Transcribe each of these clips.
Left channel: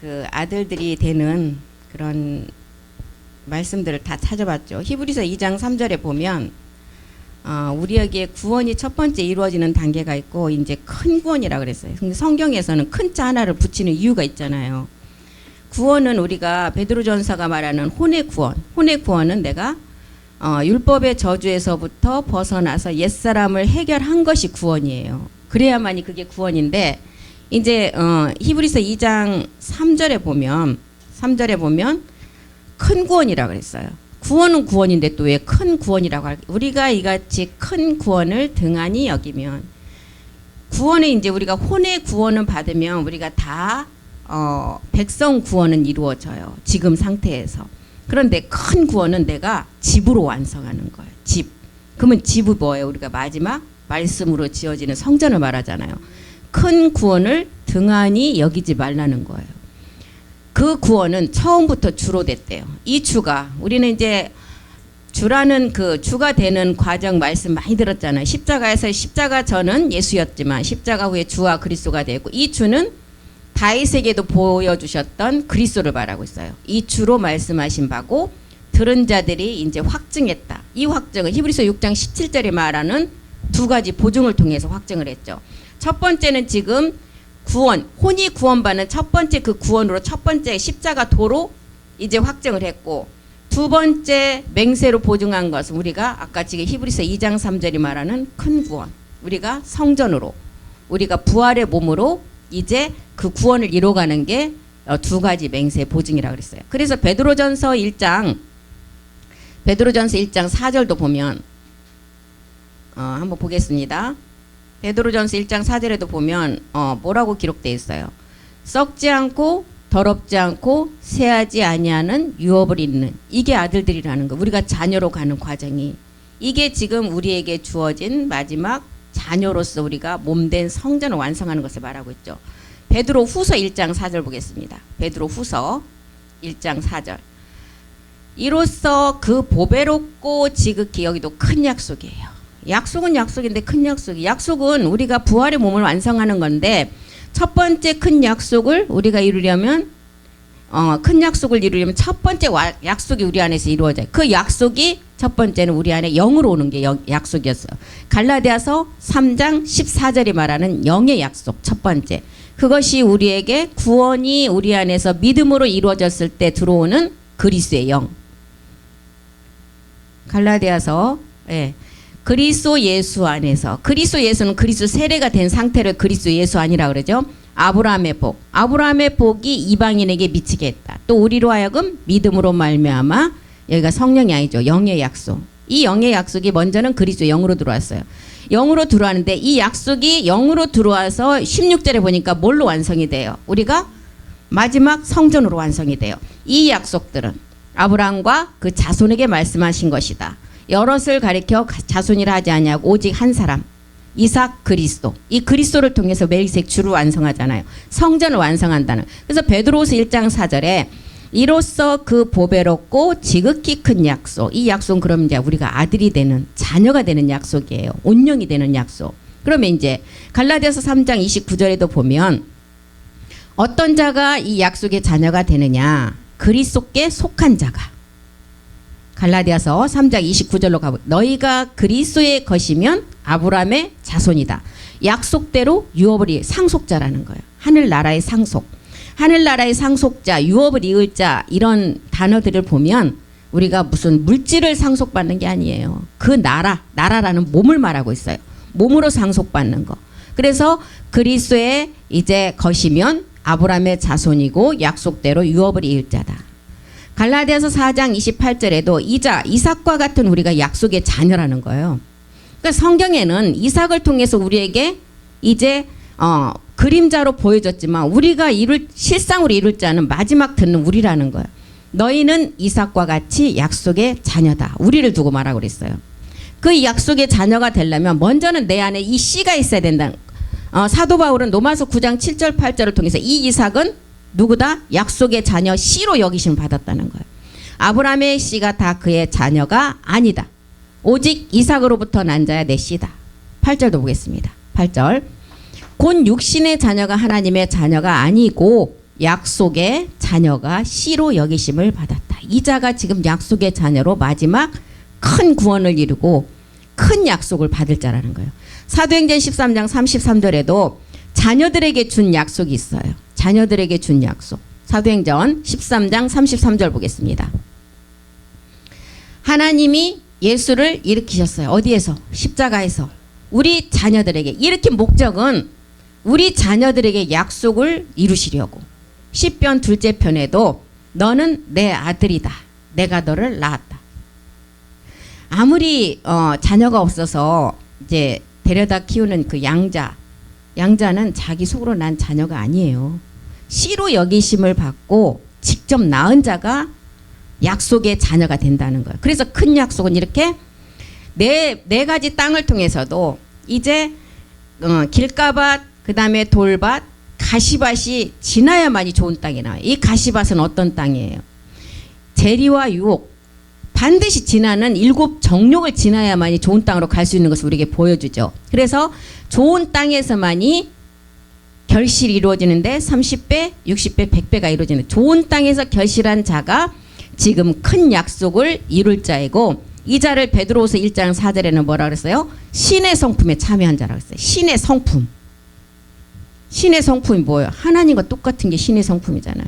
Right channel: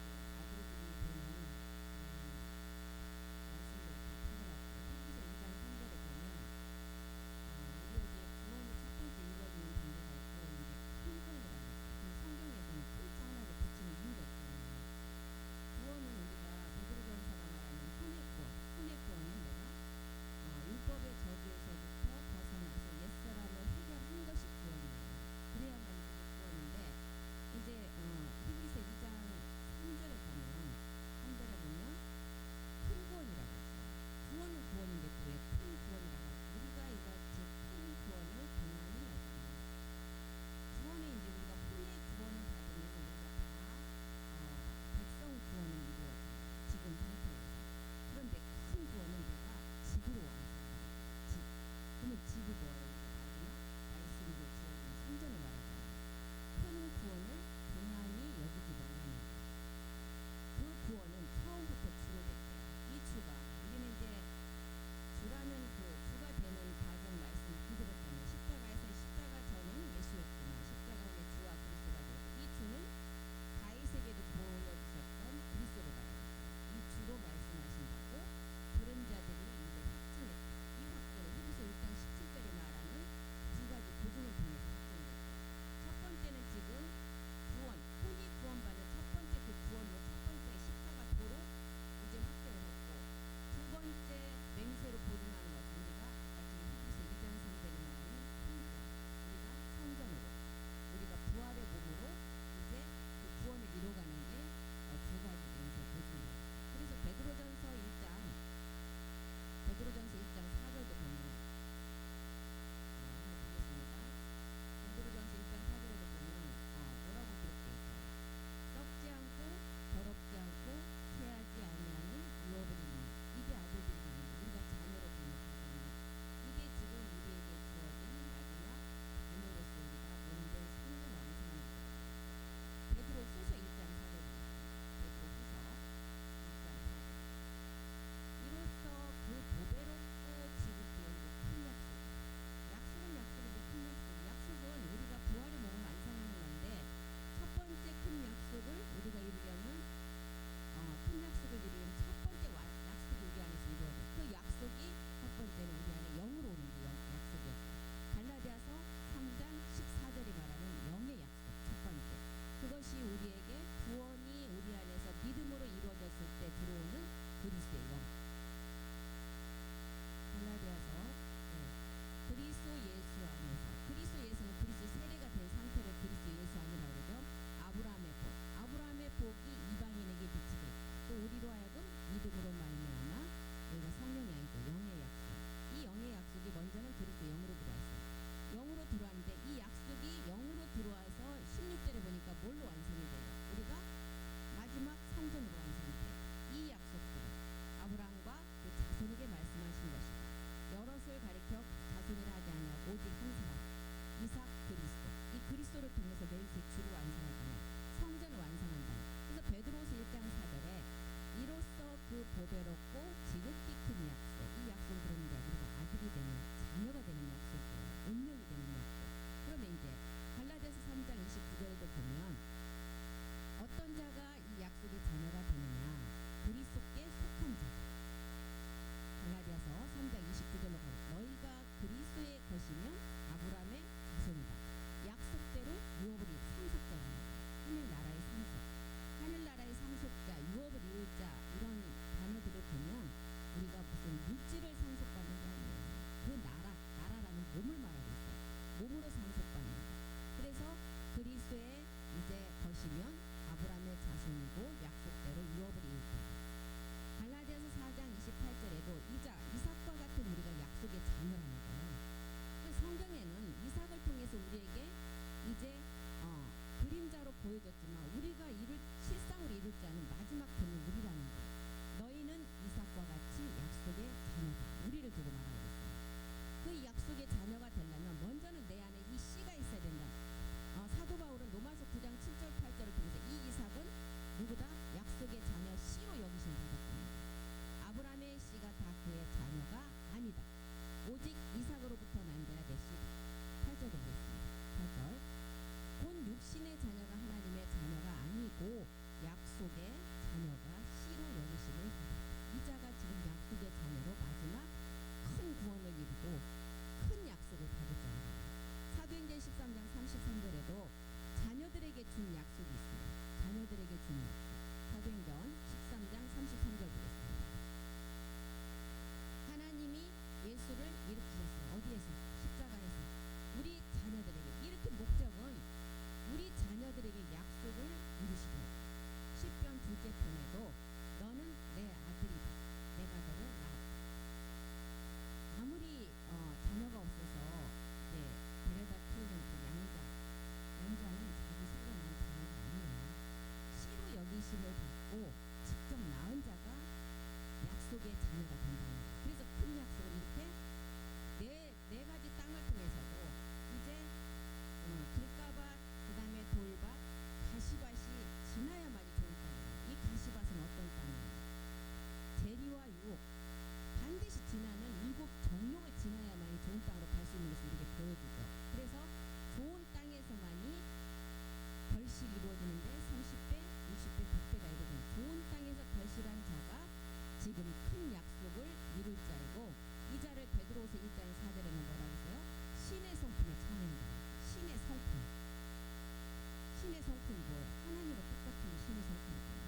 그 아들들이 되는 그런 말씀들을 다 찾아봤죠. 히브리서 2장 3절에 보면 우리에게 구원이 첫 번째 이루어지는 단계가 있고 이제 큰 구원이라 그랬어요. 근데 성경에서는 큰 자 하나를 붙이는 이유가 있잖아요. 구원은 우리가 베드로전서가 말하는 혼의 구원. 혼의 구원은 내가 율법의 저주에서부터 벗어나서 옛사람을 해결한 것이 구원이에요. 그래야만이 그게 구원인데 이제 히브리서 2장 3절에 보면 큰 구원이라 그랬어요. 구원은 구원인데 또 왜 큰 구원이라고 할까? 우리가 이같이 큰 구원을 등한히 여기면 구원은 이제 우리가 혼의 구원을 받으면 우리가 다 백성 구원은 이루어져요. 지금 상태에서. 그런데 큰 구원은 내가 집으로 완성하는 거예요. 집. 그러면 집이 뭐예요? 우리가 마지막 말씀으로 지어지는 성전을 말하잖아요. 큰 구원을 등한히 여기지 말라는 거예요. 그 구원은 처음부터 주로 됐대요. 이 주가 우리는 이제 주라는 그 주가 되는 과정 말씀 많이 들었잖아요. 십자가에서 십자가 전은 예수였지만 십자가 후에 주와 그리스도가 되고 이 주는 다윗에게도 보여주셨던 그리스도를 말하고 있어요. 이 주로 말씀하신 바고 들은 자들이 이제 확증했다. 이 확증은 히브리서 6장 17절에 말하는 두 가지 보증을 통해서 확증을 했죠. 첫 번째는 지금 구원, 혼이 구원받는 첫 번째 그 구원으로 첫 번째 십자가 도로 이제 확증을 했고 두 번째 맹세로 보증한 것은 우리가 아까 지금 히브리서 2장 3절이 말하는 큰 구원. 우리가 성전으로 우리가 부활의 몸으로 이제 그 구원을 이뤄가는 게 두 가지 맹세 보증이라고 그랬어요. 그래서 베드로전서 1장 4절도 보면 한번 보겠습니다. 베드로전서 1장 4절에도 보면 뭐라고 기록되어 있어요. 썩지 않고 더럽지 않고 새하지 아니하는 유업을 잇는 이게 아들들이라는 거. 우리가 자녀로 가는 과정이 이게 지금 우리에게 주어진 마지막 자녀로서 우리가 몸된 성전을 완성하는 것을 말하고 있죠. 베드로 후서 1장 4절 보겠습니다. 베드로 후서 1장 4절. 이로써 그 보배롭고 지극히 여기도 큰 약속이에요. 약속은 약속인데 큰 약속이. 약속은 우리가 부활의 몸을 완성하는 건데 첫 번째 큰 약속을 우리가 이루려면 큰 약속을 이루려면 첫 번째 약속이 우리 안에서 이루어져요. 그 약속이 첫 번째는 우리 안에 영으로 오는 게 약속이었어요. 갈라디아서 3장 14절이 말하는 영의 약속 첫 번째. 그것이 우리에게 구원이 우리 안에서 믿음으로 이루어졌을 때 들어오는 그리스도의 영. 갈라디아서 그리스도 예수 안에서 그리스도 예수는 그리스도 세례가 된 상태를 그리스도 예수 아니라 그러죠. 아브라함의 복. 아브라함의 복이 이방인에게 미치게 했다. 또 우리로 하여금 믿음으로 말미암아 여기가 성령이 아니죠. 영의 약속. 이 영의 약속이 먼저는 그리스도 영으로 들어왔어요. 영으로 들어왔는데 이 약속이 영으로 들어와서 16절에 보니까 뭘로 완성이 돼요? 우리가 마지막 성전으로 완성이 돼요. 이 약속들은 아브라함과 그 자손에게 말씀하신 것이다. 여럿을 가리켜 자손이라 하지 아니하고 오직 한 사람 이삭 그리스도. 이 그리스도를 통해서 멜기세덱 주를 완성하잖아요. 성전을 완성한다는. 그래서 베드로후서 1장 4절에 이로써 그 보배롭고 지극히 큰 약속. 이 약속은 그럼 이제 우리가 아들이 되는 자녀가 되는 약속이에요. 온영이 되는 약속. 그러면 이제 갈라디아서 3장 29절에도 보면 어떤 자가 이 약속의 자녀가 되느냐? 그리스도께 속한 자가. 갈라디아서 3장 29절로 가보. 너희가 그리스도의 것이면 아브라함의 자손이다. 약속대로 유업을 상속자라는 거예요. 하늘나라의 상속. 하늘나라의 상속자, 유업을 이을 자 이런 단어들을 보면 우리가 무슨 물질을 상속받는 게 아니에요. 그 나라라는 몸을 말하고 있어요. 몸으로 상속받는 거. 그래서 그리스도의 이제 것이면 아브라함의 자손이고 약속대로 유업을 이을 자다. 갈라디아서 4장 28절에도 이삭과 같은 우리가 약속의 자녀라는 거예요. 그러니까 성경에는 이삭을 통해서 우리에게 이제 그림자로 보여졌지만 우리가 실상으로 이룰 자는 마지막 듣는 우리라는 거예요. 너희는 이삭과 같이 약속의 자녀다. 우리를 두고 말하고 그랬어요. 그 약속의 자녀가 되려면 먼저는 내 안에 이 씨가 있어야 된다는 사도 바울은 로마서 9장 7절 8절을 통해서 이 이삭은 누구다? 약속의 자녀 씨로 여기심을 받았다는 거예요. 아브라함의 씨가 다 그의 자녀가 아니다. 오직 이삭으로부터 난 자야 내 씨다. 8절도 보겠습니다. 8절. 곧 육신의 자녀가 하나님의 자녀가 아니고 약속의 자녀가 씨로 여기심을 받았다. 이 자가 지금 약속의 자녀로 마지막 큰 구원을 이루고 큰 약속을 받을 자라는 거예요. 사도행전 13장 33절에도 자녀들에게 준 약속이 있어요. 자녀들에게 준 약속. 사도행전 13장 33절 보겠습니다. 하나님이 예수를 일으키셨어요. 어디에서? 십자가에서. 우리 자녀들에게. 일으킨 목적은 우리 자녀들에게 약속을 이루시려고. 시편 둘째 편에도 너는 내 아들이다. 내가 너를 낳았다. 아무리 자녀가 없어서 이제 데려다 키우는 그 양자는 자기 속으로 난 자녀가 아니에요. 씨로 여기심을 받고 직접 낳은 자가 약속의 자녀가 된다는 거예요. 그래서 큰 약속은 이렇게 네 가지 땅을 통해서도 이제 길가밭, 그 다음에 돌밭, 가시밭이 지나야만이 좋은 땅이 나와요. 이 가시밭은 어떤 땅이에요? 재리와 유혹, 반드시 지나는 7 정욕을 지나야만이 좋은 땅으로 갈 수 있는 것을 우리에게 보여주죠. 그래서 좋은 땅에서만이 결실이 이루어지는데 30배, 60배, 100배가 이루어지는 좋은 땅에서 결실한 자가 지금 큰 약속을 이룰 자이고, 이 자를 베드로후서 1장 4절에는 뭐라 그랬어요? 신의 성품에 참여한 자라고 했어요. 신의 성품. 신의 성품이 뭐예요? 하나님과 똑같은 게 신의 성품이잖아요.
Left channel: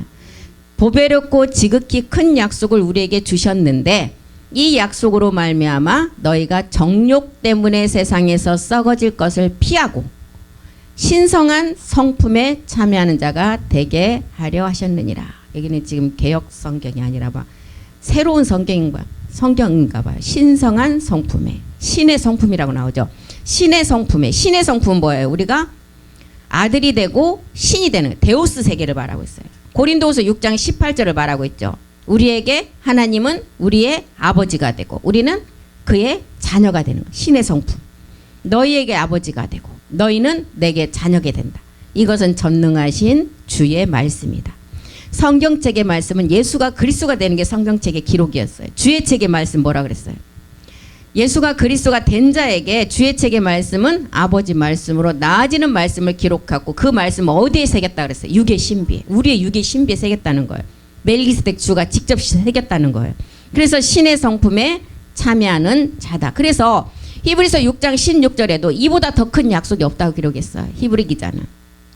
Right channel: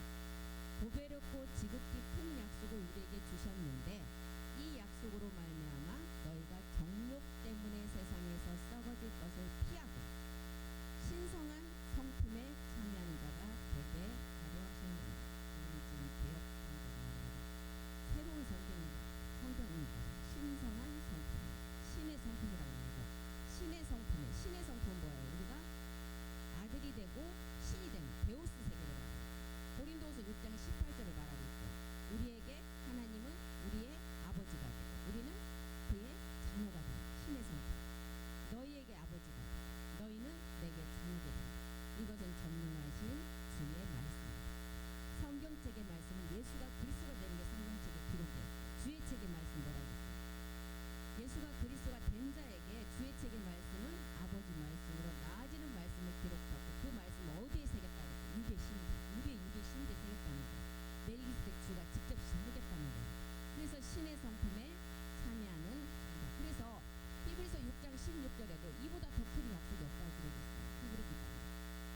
보배롭고 지극히 큰 약속을 우리에게 주셨는데 이 약속으로 말미암아 너희가 정욕 때문에 세상에서 썩어질 것을 피하고 신성한 성품에 참여하는 자가 되게 하려 하셨느니라. 여기는 지금 개역 성경이 아니라 봐 새로운 성경인가 봐요. 신성한 성품에, 신의 성품이라고 나오죠. 신의 성품에. 신의 성품은 뭐예요? 우리가 아들이 되고 신이 되는 데오스 세계를 말하고 있어요. 고린도후서 6장 18절을 말하고 있죠. 우리에게 하나님은 우리의 아버지가 되고 우리는 그의 자녀가 되는 거예요. 신의 성품. 너희에게 아버지가 되고 너희는 내게 자녀가 된다. 이것은 전능하신 주의 말씀이다. 성경책의 말씀은 예수가 그리스도가 되는 게 성경책의 기록이었어요. 주의 책의 말씀 뭐라 그랬어요? 예수가 그리스도가 된 자에게 주의 책의 말씀은 아버지 말씀으로 나아지는 말씀을 기록하고 그 말씀을 어디에 새겼다 그랬어요? 육의 신비에. 우리의 육의 신비에 새겼다는 거예요. 멜기세덱 주가 직접 새겼다는 거예요. 그래서 신의 성품에 참여하는 자다. 그래서 히브리서 6장 16절에도 이보다 더 큰 약속이 없다고 기록했어요. 히브리 기자는.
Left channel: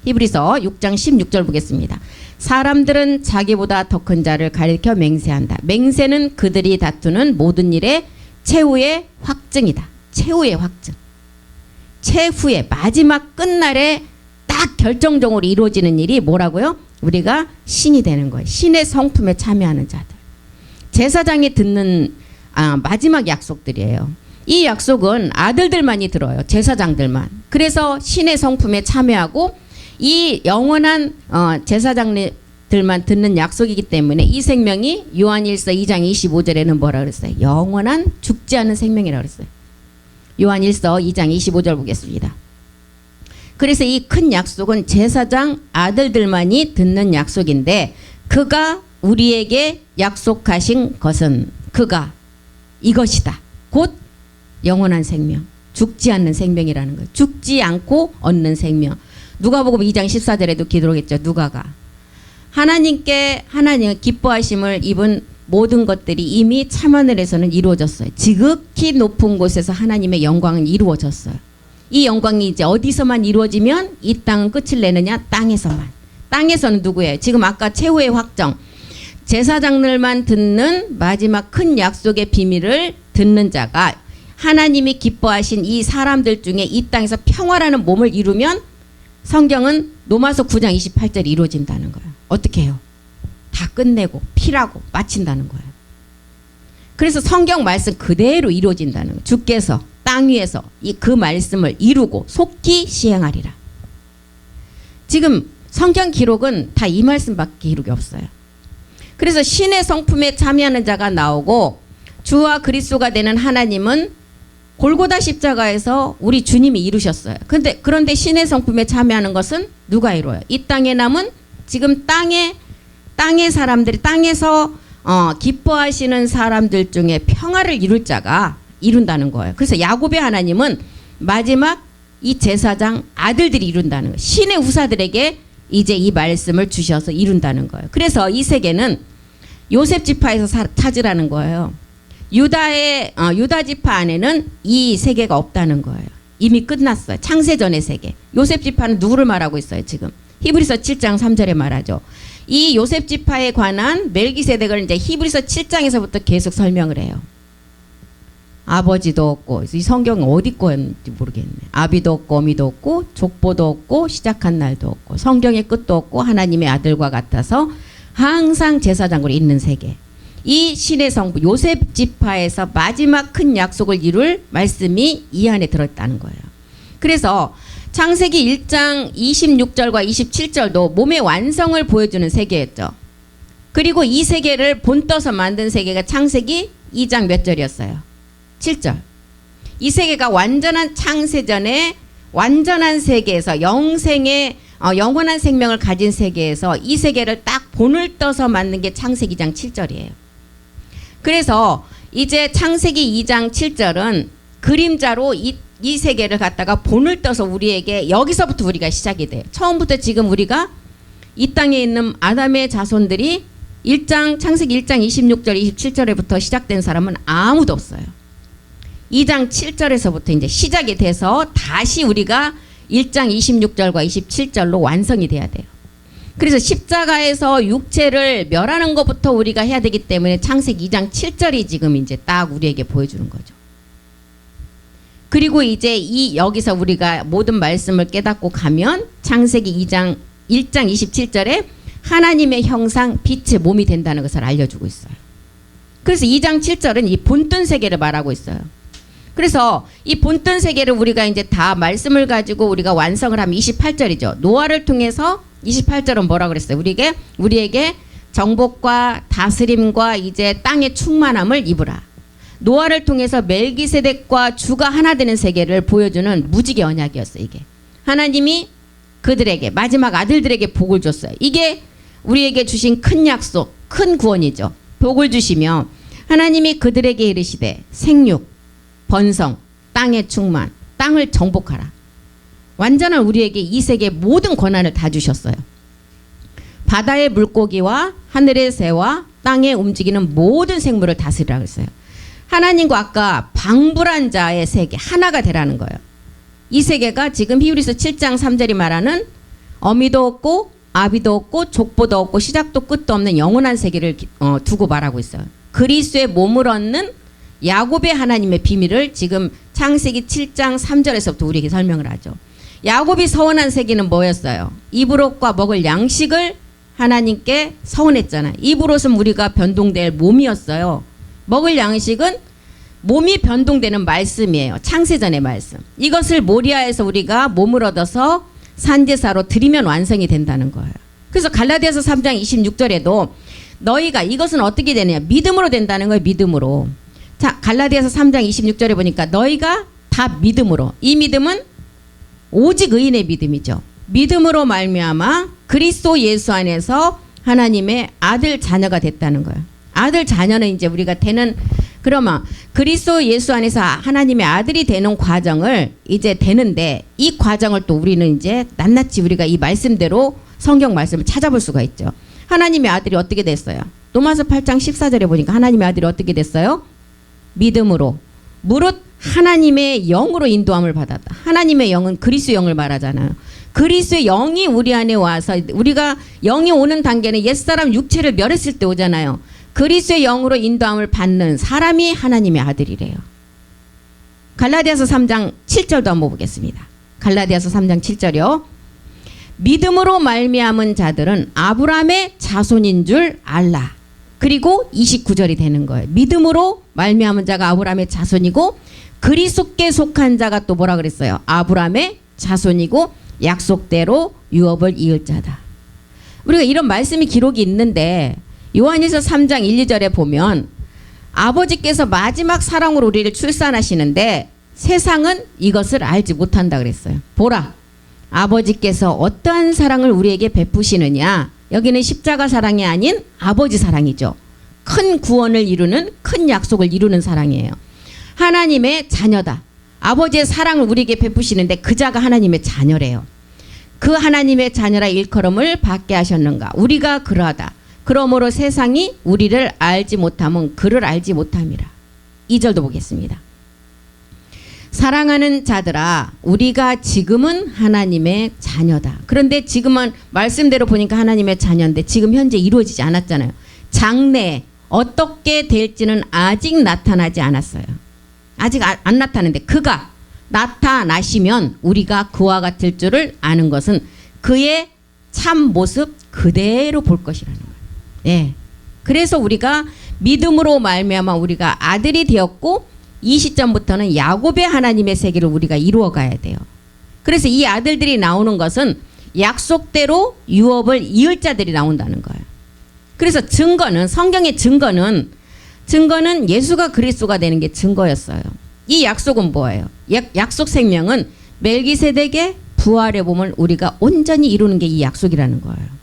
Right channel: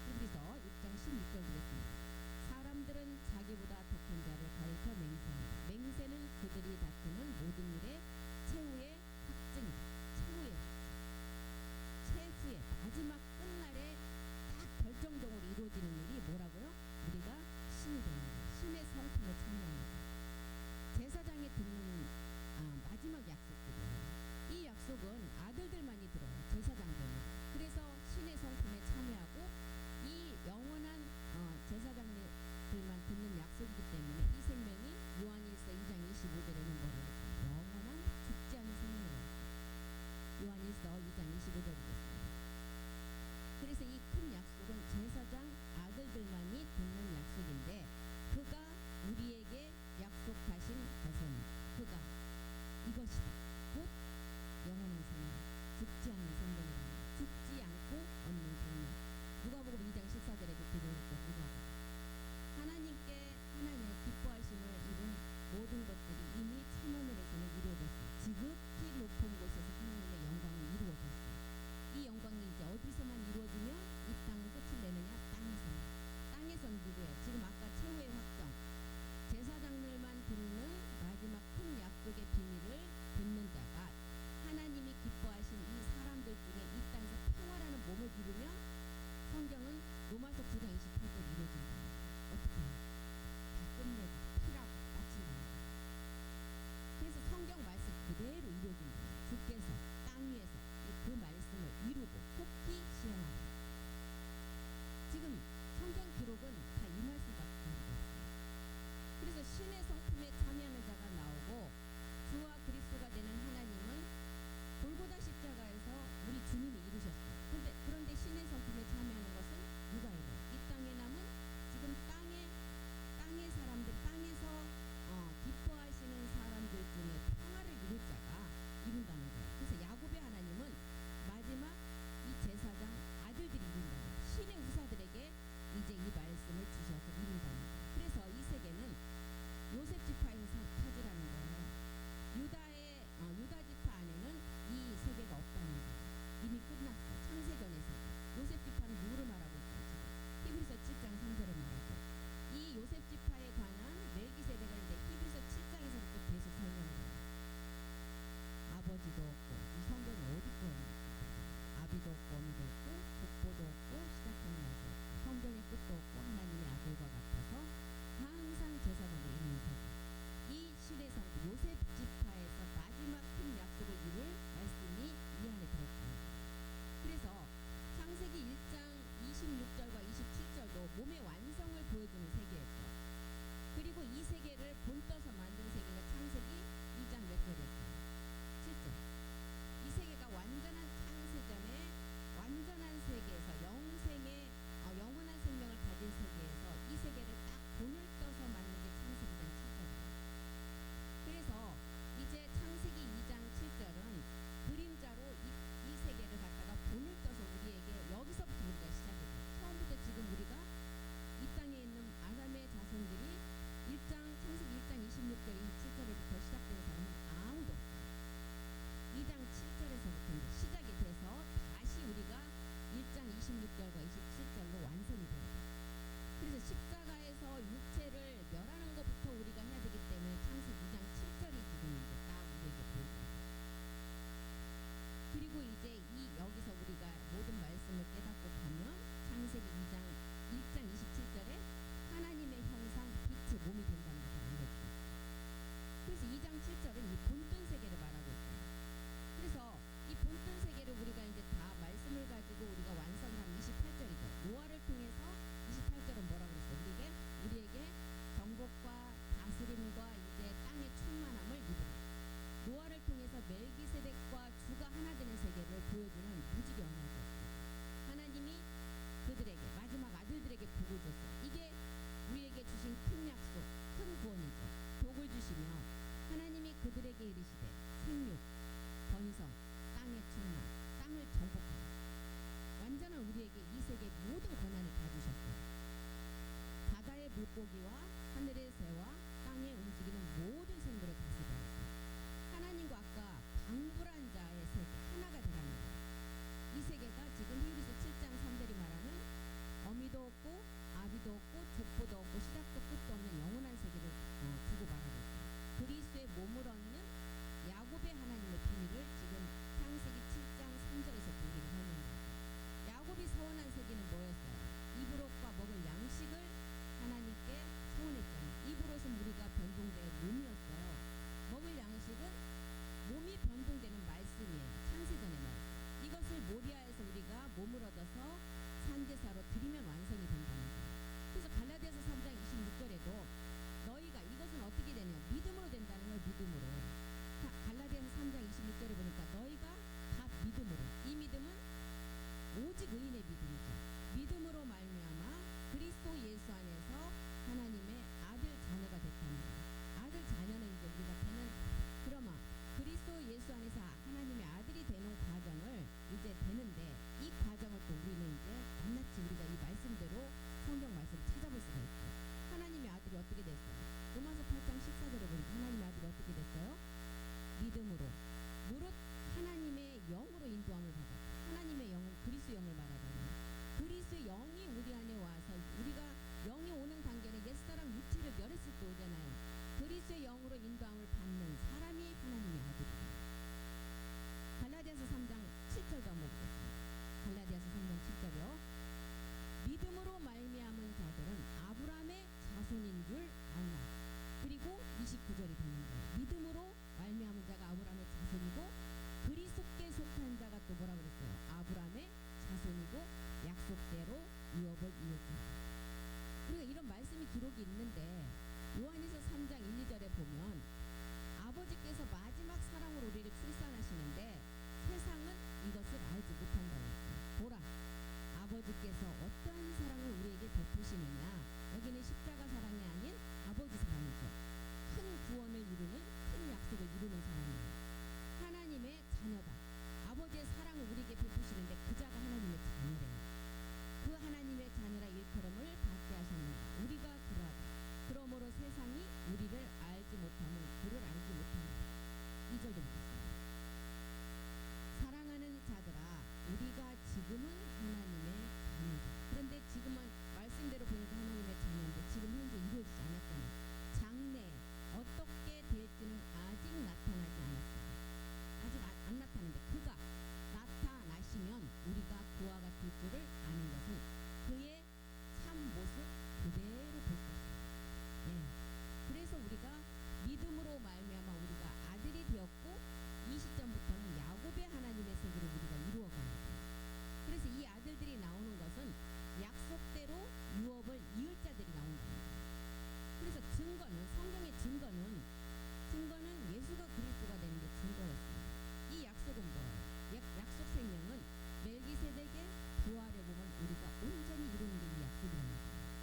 히브리서 6장 16절 보겠습니다. 사람들은 자기보다 더 큰 자를 가리켜 맹세한다. 맹세는 그들이 다투는 모든 일의 최후의 확증이다. 최후의 확증. 최후의 마지막 끝날에 딱 결정적으로 이루어지는 일이 뭐라고요? 우리가 신이 되는 거예요. 신의 성품에 참여하는 자들. 제사장이 듣는 마지막 약속들이에요. 이 약속은 아들들만이 들어요. 제사장들만. 그래서 신의 성품에 참여하고 이 영원한 제사장들만 듣는 약속이기 때문에 이 생명이 요한일서 2장 25절에는 뭐라 그랬어요? 영원한 죽지 않는 생명이라고 그랬어요. 요한일서 2장 25절 보겠습니다. 그래서 이 큰 약속은 제사장 아들들만이 듣는 약속인데 그가 우리에게 약속하신 것은 그가 이것이다. 곧 영원한 생명. 죽지 않는 생명이라는 거예요. 죽지 않고 얻는 생명. 누가복음 2장 14절에도 기록했죠. 누가가 하나님 기뻐하심을 입은 모든 것들이 이미 참하늘에서는 이루어졌어요. 지극히 높은 곳에서 하나님의 영광은 이루어졌어요. 이 영광이 이제 어디서만 이루어지면 이 땅은 끝을 내느냐? 땅에서만. 땅에서는 누구예요? 지금 아까 최후의 확정. 제사장들만 듣는 마지막 큰 약속의 비밀을 듣는 자가 하나님이 기뻐하신 이 사람들 중에 이 땅에서 평화라는 몸을 이루면 성경은 로마서 9장 28절이 이루어진다는 거예요. 어떻게 해요? 다 끝내고 피라고 마친다는 거예요. 그래서 성경 말씀 그대로 이루어진다는 거예요. 주께서 땅 위에서 그 말씀을 이루고 속히 시행하리라. 지금 성경 기록은 다 이 말씀밖에 기록이 없어요. 그래서 신의 성품에 참여하는 자가 나오고 주와 그리스도가 되는 하나님은 골고다 십자가에서 우리 주님이 이루셨어요. 그런데 신의 성품에 참여하는 것은 누가 이루어요? 이 땅에 남은 지금 땅의 사람들이 땅에서 기뻐하시는 사람들 중에 평화를 이룰 자가 이룬다는 거예요. 그래서 야곱의 하나님은 마지막 이 제사장 아들들이 이룬다는 거예요. 신의 후사들에게 이제 이 말씀을 주셔서 이룬다는 거예요. 그래서 이 세계는 요셉 지파에서 찾으라는 거예요. 유다 지파 안에는 이 세계가 없다는 거예요. 이미 끝났어요. 창세전의 세계. 요셉 지파는 누구를 말하고 있어요 지금? 히브리서 7장 3절에 말하죠. 이 요셉 지파에 관한 멜기세덱을 이제 히브리서 7장에서부터 계속 설명을 해요. 아버지도 없고, 이 성경은 어디 거였는지 모르겠네. 아비도 없고 어미도 없고 족보도 없고 시작한 날도 없고 성경의 끝도 없고 하나님의 아들과 같아서 항상 제사장으로 있는 세계. 이 신의 성부 요셉 지파에서 마지막 큰 약속을 이룰 말씀이 이 안에 들어있다는 거예요. 그래서 창세기 1장 26절과 27절도 몸의 완성을 보여주는 세계였죠. 그리고 이 세계를 본떠서 만든 세계가 창세기 2장 몇 절이었어요? 7절. 이 세계가 완전한 창세전에 완전한 세계에서 영생의 영원한 생명을 가진 세계에서 이 세계를 딱 본을 떠서 만든 게 창세기 2장 7절이에요. 그래서 이제 창세기 2장 7절은 그림자로 이 세계를 갖다가 본을 떠서 우리에게 여기서부터 우리가 시작이 돼요. 처음부터 지금 우리가 이 땅에 있는 아담의 자손들이 창세기 1장 26절 27절에부터 시작된 사람은 아무도 없어요. 2장 7절에서부터 이제 시작이 돼서 다시 우리가 1장 26절과 27절로 완성이 돼야 돼요. 그래서 십자가에서 육체를 멸하는 것부터 우리가 해야 되기 때문에 창세기 2장 7절이 지금 이제 딱 우리에게 보여주는 거죠. 그리고 이제 여기서 우리가 모든 말씀을 깨닫고 가면 창세기 1장 27절에 하나님의 형상 빛의 몸이 된다는 것을 알려주고 있어요. 그래서 2장 7절은 이 본뜬 세계를 말하고 있어요. 그래서 이 본뜬 세계를 우리가 이제 다 말씀을 가지고 우리가 완성을 하면 28절이죠. 노아를 통해서 28절은 뭐라 그랬어요? 우리에게 정복과 다스림과 이제 땅의 충만함을 입으라. 노아를 통해서 멜기세덱과 주가 하나 되는 세계를 보여주는 무지개 언약이었어요. 이게 하나님이 그들에게 마지막 아들들에게 복을 줬어요. 이게 우리에게 주신 큰 약속, 큰 구원이죠. 복을 주시며 하나님이 그들에게 이르시되 생육, 번성, 땅의 충만, 땅을 정복하라. 완전한 우리에게 이 세계의 모든 권한을 다 주셨어요. 바다의 물고기와 하늘의 새와 땅에 움직이는 모든 생물을 다스리라고 했어요. 하나님과 아까 방불한 자의 세계 하나가 되라는 거예요. 이 세계가 지금 히브리서 7장 3절이 말하는 어미도 없고 아비도 없고 족보도 없고 시작도 끝도 없는 영원한 세계를 두고 말하고 있어요. 그리스도의 몸을 얻는 야곱의 하나님의 비밀을 지금 창세기 7장 3절에서부터 우리에게 설명을 하죠. 야곱이 서원한 세계는 뭐였어요? 입으로과 먹을 양식을 하나님께 서원했잖아요. 입으로는 우리가 변동될 몸이었어요. 먹을 양식은 몸이 변동되는 말씀이에요. 창세전의 말씀. 이것을 모리아에서 우리가 몸을 얻어서 산제사로 드리면 완성이 된다는 거예요. 그래서 갈라디아서 3장 26절에도 너희가 이것은 어떻게 되느냐? 믿음으로 된다는 거예요. 믿음으로. 자, 갈라디아서 3장 26절에 보니까 너희가 다 믿음으로. 이 믿음은 오직 의인의 믿음이죠. 믿음으로 말미암아 그리스도 예수 안에서 하나님의 아들 자녀가 됐다는 거예요. 아들 자녀는 이제 우리가 되는 그러면 그리스도 예수 안에서 하나님의 아들이 되는 과정을 이제 되는데 이 과정을 또 우리는 이제 낱낱이 우리가 이 말씀대로 성경 말씀을 찾아볼 수가 있죠. 하나님의 아들이 어떻게 됐어요? 로마서 8장 14절에 보니까 하나님의 아들이 어떻게 됐어요? 믿음으로 무릇 하나님의 영으로 인도함을 받았다. 하나님의 영은 그리스도 영을 말하잖아요. 그리스도의 영이 우리 안에 와서 우리가 영이 오는 단계는 옛사람 육체를 멸했을 때 오잖아요. 그리스도의 영으로 인도함을 받는 사람이 하나님의 아들이래요. 갈라디아서 3장 7절도 한번 보겠습니다. 갈라디아서 3장 7절이요. 믿음으로 말미암은 자들은 아브라함의 자손인 줄 알라. 그리고 29절이 되는 거예요. 믿음으로 말미암은 자가 아브라함의 자손이고 그리스도께 속한 자가 또 뭐라 그랬어요? 아브라함의 자손이고 약속대로 유업을 이을 자다. 우리가 이런 말씀이 기록이 있는데 요한일서 3장 1, 2절에 보면 아버지께서 마지막 사랑으로 우리를 출산하시는데 세상은 이것을 알지 못한다 그랬어요. 보라, 아버지께서 어떠한 사랑을 우리에게 베푸시느냐. 여기는 십자가 사랑이 아닌 아버지 사랑이죠. 큰 구원을 이루는, 큰 약속을 이루는 사랑이에요. 하나님의 자녀다. 아버지의 사랑을 우리에게 베푸시는데 그 자가 하나님의 자녀래요. 그 하나님의 자녀라 일컬음을 받게 하셨는가. 우리가 그러하다. 그러므로 세상이 우리를 알지 못함은 그를 알지 못함이라. 2절도 보겠습니다. 사랑하는 자들아, 우리가 지금은 하나님의 자녀다. 그런데 지금은 말씀대로 보니까 하나님의 자녀인데 지금 현재 이루어지지 않았잖아요. 장래에 어떻게 될지는 아직 나타나지 않았어요. 아직 안 나타났는데 그가 나타나시면 우리가 그와 같을 줄을 아는 것은 그의 참 모습 그대로 볼 것이라는 거예요. 예. 그래서 우리가 믿음으로 말미암아 우리가 아들이 되었고 이 시점부터는 야곱의 하나님의 세계를 우리가 이루어 가야 돼요. 그래서 이 아들들이 나오는 것은 약속대로 유업을 이을 자들이 나온다는 거예요. 그래서 증거는 성경의 증거는 예수가 그리스도가 되는 게 증거였어요. 이 약속은 뭐예요? 약속 생명은 멜기세덱의 부활의 몸을 우리가 온전히 이루는 게 이 약속이라는 거예요.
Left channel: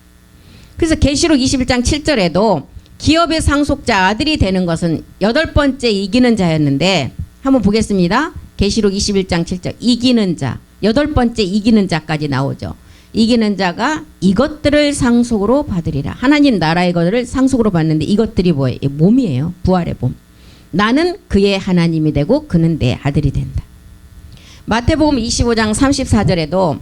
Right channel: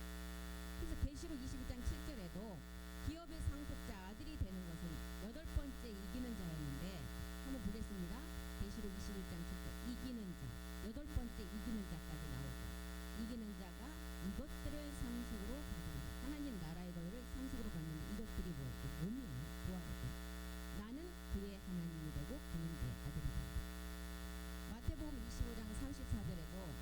그래서 계시록 21장 7절에도 기업의 상속자 아들이 되는 것은 8번째 이기는 자였는데 한번 보겠습니다. 계시록 21장 7절 이기는 자 8번째 이기는 자까지 나오죠. 이기는 자가 이것들을 상속으로 받으리라. 하나님 나라의 것을 상속으로 받는데 이것들이 뭐예요? 몸이에요. 부활의 몸. 나는 그의 하나님이 되고 그는 내 아들이 된다. 마태복음 25장 34절에도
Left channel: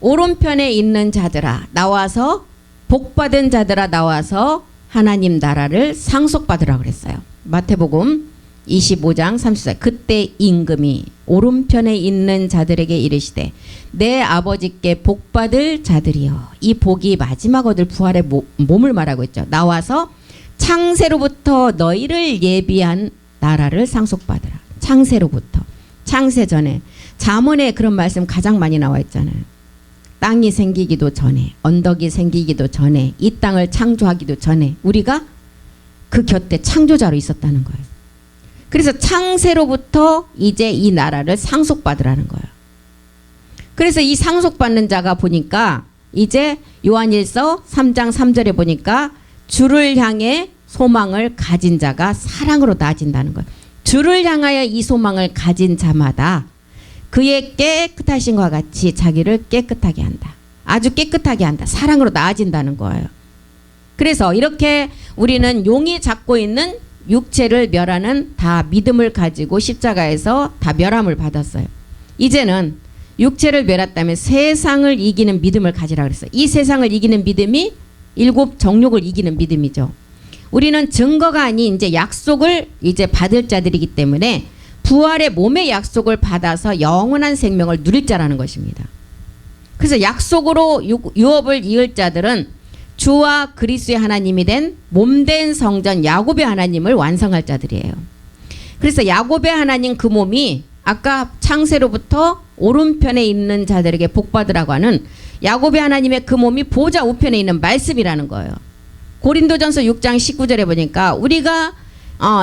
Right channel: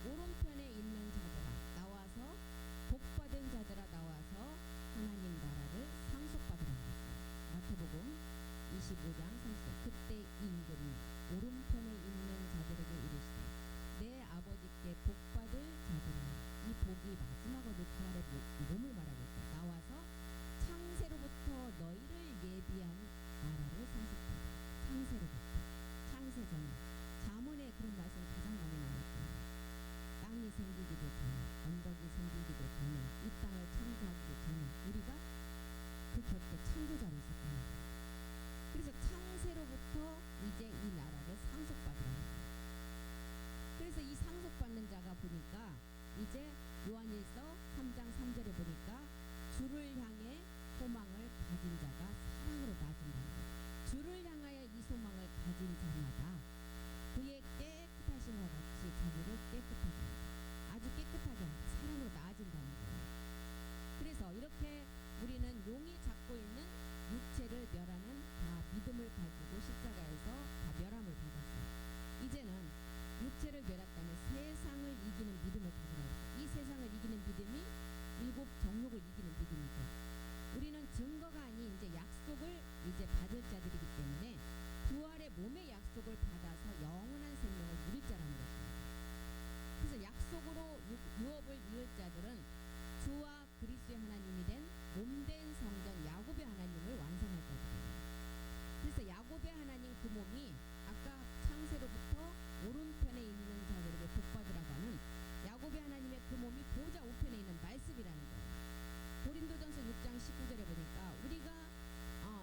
오른편에 있는 자들아 나와서 복받은 자들아 나와서 하나님 나라를 상속받으라 그랬어요. 마태복음 25장 34절 그때 임금이 오른편에 있는 자들에게 이르시되 내 아버지께 복받을 자들이여. 이 복이 마지막 얻을 부활의 몸을 말하고 있죠. 나와서 창세로부터 너희를 예비한 나라를 상속받으라. 창세로부터. 창세 전에. 잠언에 그런 말씀 가장 많이 나와 있잖아요. 땅이 생기기도 전에, 언덕이 생기기도 전에, 이 땅을 창조하기도 전에 우리가 그 곁에 창조자로 있었다는 거예요. 그래서 창세로부터 이제 이 나라를 상속받으라는 거예요. 그래서 이 상속받는 자가 보니까 이제 요한일서 3장 3절에 보니까 주를 향해 소망을 가진 자가 사랑으로 나아진다는 거예요. 주를 향하여 이 소망을 가진 자마다 그의 깨끗하신과 같이 자기를 깨끗하게 한다. 아주 깨끗하게 한다. 사랑으로 나아진다는 거예요. 그래서 이렇게 우리는 용이 잡고 있는 육체를 멸하는 다 믿음을 가지고 십자가에서 다 멸함을 받았어요. 이제는 육체를 멸했다면 세상을 이기는 믿음을 가지라 그랬어요. 이 세상을 이기는 믿음이 7 정욕을 이기는 믿음이죠. 우리는 증거가 아닌 이제 약속을 이제 받을 자들이기 때문에 부활의 몸의 약속을 받아서 영원한 생명을 누릴 자라는 것입니다. 그래서 약속으로 유업을 이을 자들은 주와 그리스도의 하나님이 된 몸된 성전 야곱의 하나님을 완성할 자들이에요. 그래서 야곱의 하나님 그 몸이 아까 창세로부터 오른편에 있는 자들에게 복받으라고 하는 야곱의 하나님의 그 몸이 보좌 우편에 있는 말씀이라는 거예요. 고린도전서 6장 19절에 보니까 우리가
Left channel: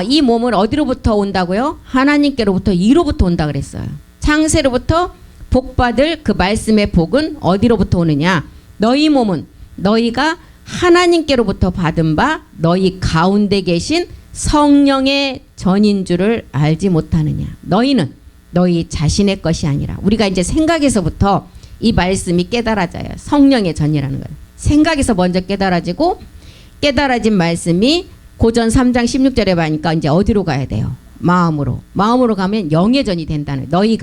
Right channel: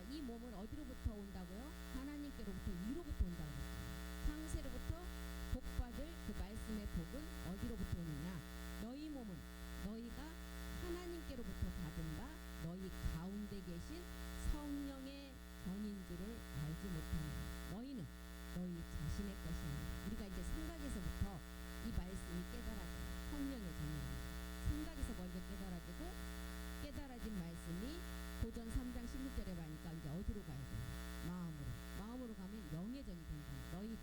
이 몸은 어디로부터 온다고요? 하나님께로부터 이로부터 온다 그랬어요. 창세로부터 복받을 그 말씀의 복은 어디로부터 오느냐? 너희 몸은 너희가 하나님께로부터 받은 바 너희 가운데 계신 성령의 전인 줄을 알지 못하느냐? 너희는 너희 자신의 것이 아니라. 우리가 이제 생각에서부터 이 말씀이 깨달아져요. 성령의 전이라는 거예요. 생각에서 먼저 깨달아지고 깨달아진 말씀이 고전 3장 16절에 보니까 이제 어디로 가야 돼요? 마음으로. 마음으로 가면 영의 전이 된다는 거예요.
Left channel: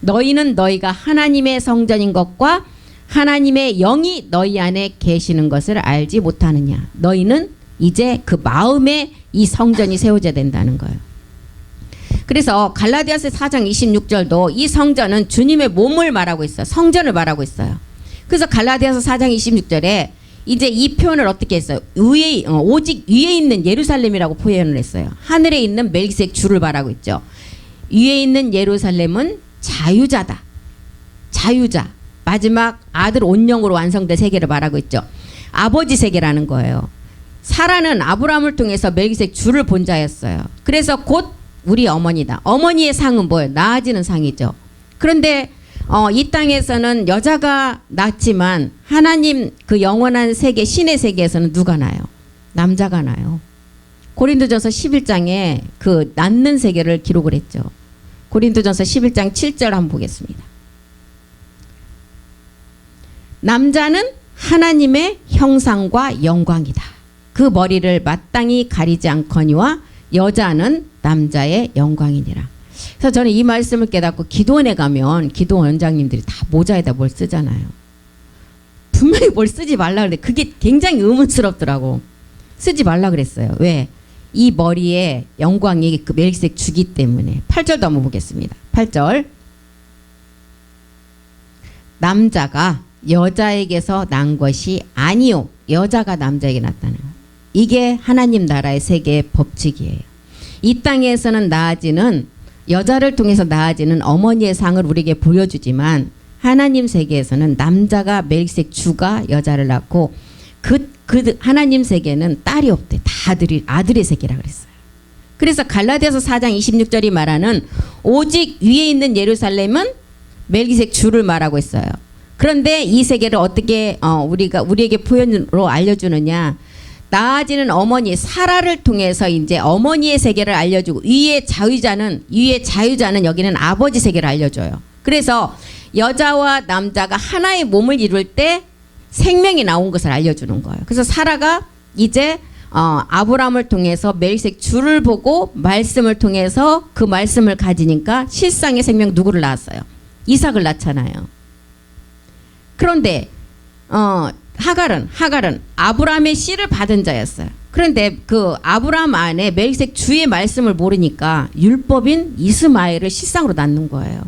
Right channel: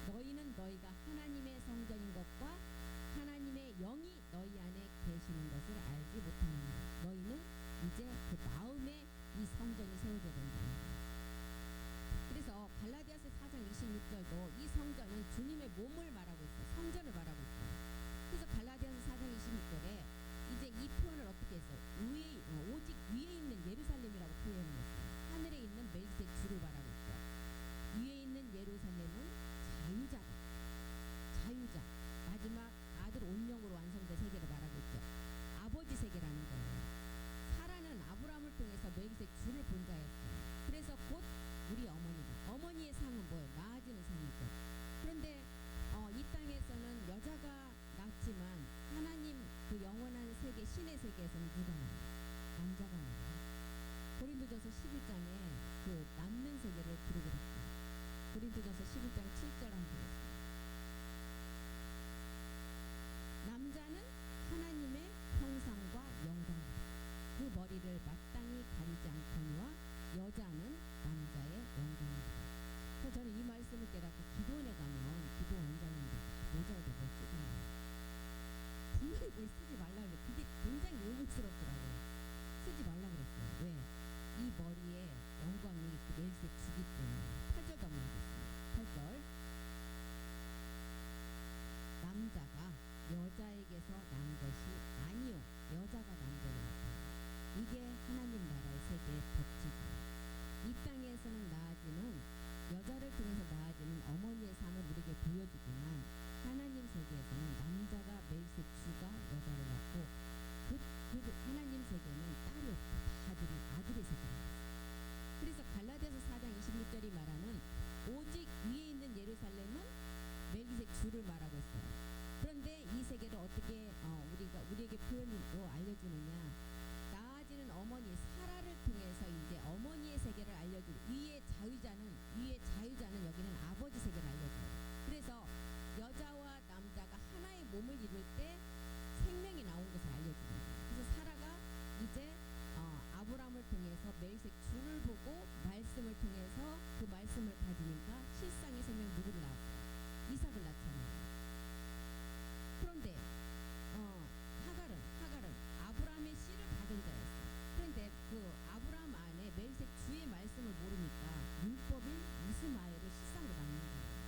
너희는 너희가 하나님의 성전인 것과 하나님의 영이 너희 안에 계시는 것을 알지 못하느냐. 너희는 이제 그 마음에 이 성전이 세워져야 된다는 거예요. 그래서 갈라디아서 4장 26절도 이 성전은 주님의 몸을 말하고 있어요. 성전을 말하고 있어요. 그래서 갈라디아서 4장 26절에 이제 이 표현을 어떻게 했어요? 오직 위에 있는 예루살렘이라고 표현을 했어요. 하늘에 있는 멜기세덱 주를 말하고 있죠. 위에 있는 예루살렘은 자유자다. 자유자. 마지막 아들 온영으로 완성된 세계를 말하고 있죠. 아버지 세계라는 거예요. 사라는 아브라함을 통해서 멜기세덱 주를 본 자였어요. 그래서 곧 우리 어머니다. 어머니의 상은 뭐예요? 낳아지는 상이죠. 그런데 이 땅에서는 여자가 낳지만 하나님 그 영원한 세계 신의 세계에서는 누가 나요? 남자가 나요. 고린도전서 11장에 그 낳는 세계를 기록을 했죠. 고린도전서 11장 7절 한번 보겠습니다. 남자는 하나님의 형상과 영광이다. 그 머리를 마땅히 가리지 않거니와 여자는 남자의 영광이니라. 그래서 저는 이 말씀을 깨닫고 기도원에 가면 기도원 원장님들이 다 모자에다 뭘 쓰잖아요. 분명히 뭘 쓰지 말라 그래. 그게 굉장히 의문스럽더라고. 쓰지 말라 그랬어요. 왜? 이 머리에 영광이 그 멜기세덱 주기 때문에. 8절도 한번 보겠습니다. 8절. 남자가 여자에게서 난 것이 아니요, 여자가 남자에게 났다는 거예요. 이게 하나님 나라의 세계의 법칙이에요. 이 땅에서는 나아지는, 여자를 통해서 나아지는 어머니의 상을 우리에게 보여주지만 하나님 세계에서는 남자가 멜기세덱 주가 여자를 낳고 그 하나님 세계는 딸이 없대. 다 아들의 세계라 그랬어요. 그래서 갈라디아서 4장 26절이 말하는 오직 위에 있는 예루살렘은 멜기세덱 주를 말하고 있어요. 그런데 이 세계를 어떻게 우리에게 표현으로 알려주느냐? 나아지는 어머니 사라를 통해서 이제 어머니의 세계를 알려주고 위의 자유자는 여기는 아버지 세계를 알려줘요. 그래서 여자와 남자가 하나의 몸을 이룰 때 생명이 나온 것을 알려주는 거예요. 그래서 사라가 이제 아브라함을 통해서 멜기세덱 주를 보고 말씀을 통해서 그 말씀을 가지니까 실상의 생명 누구를 낳았어요? 이삭을 낳잖아요. 그런데 하갈은 아브라함의 씨를 받은 자였어요. 그런데 그 아브라함 안에 멜기세덱 주의 말씀을 모르니까 율법인 이스마엘을 실상으로 낳는 거예요.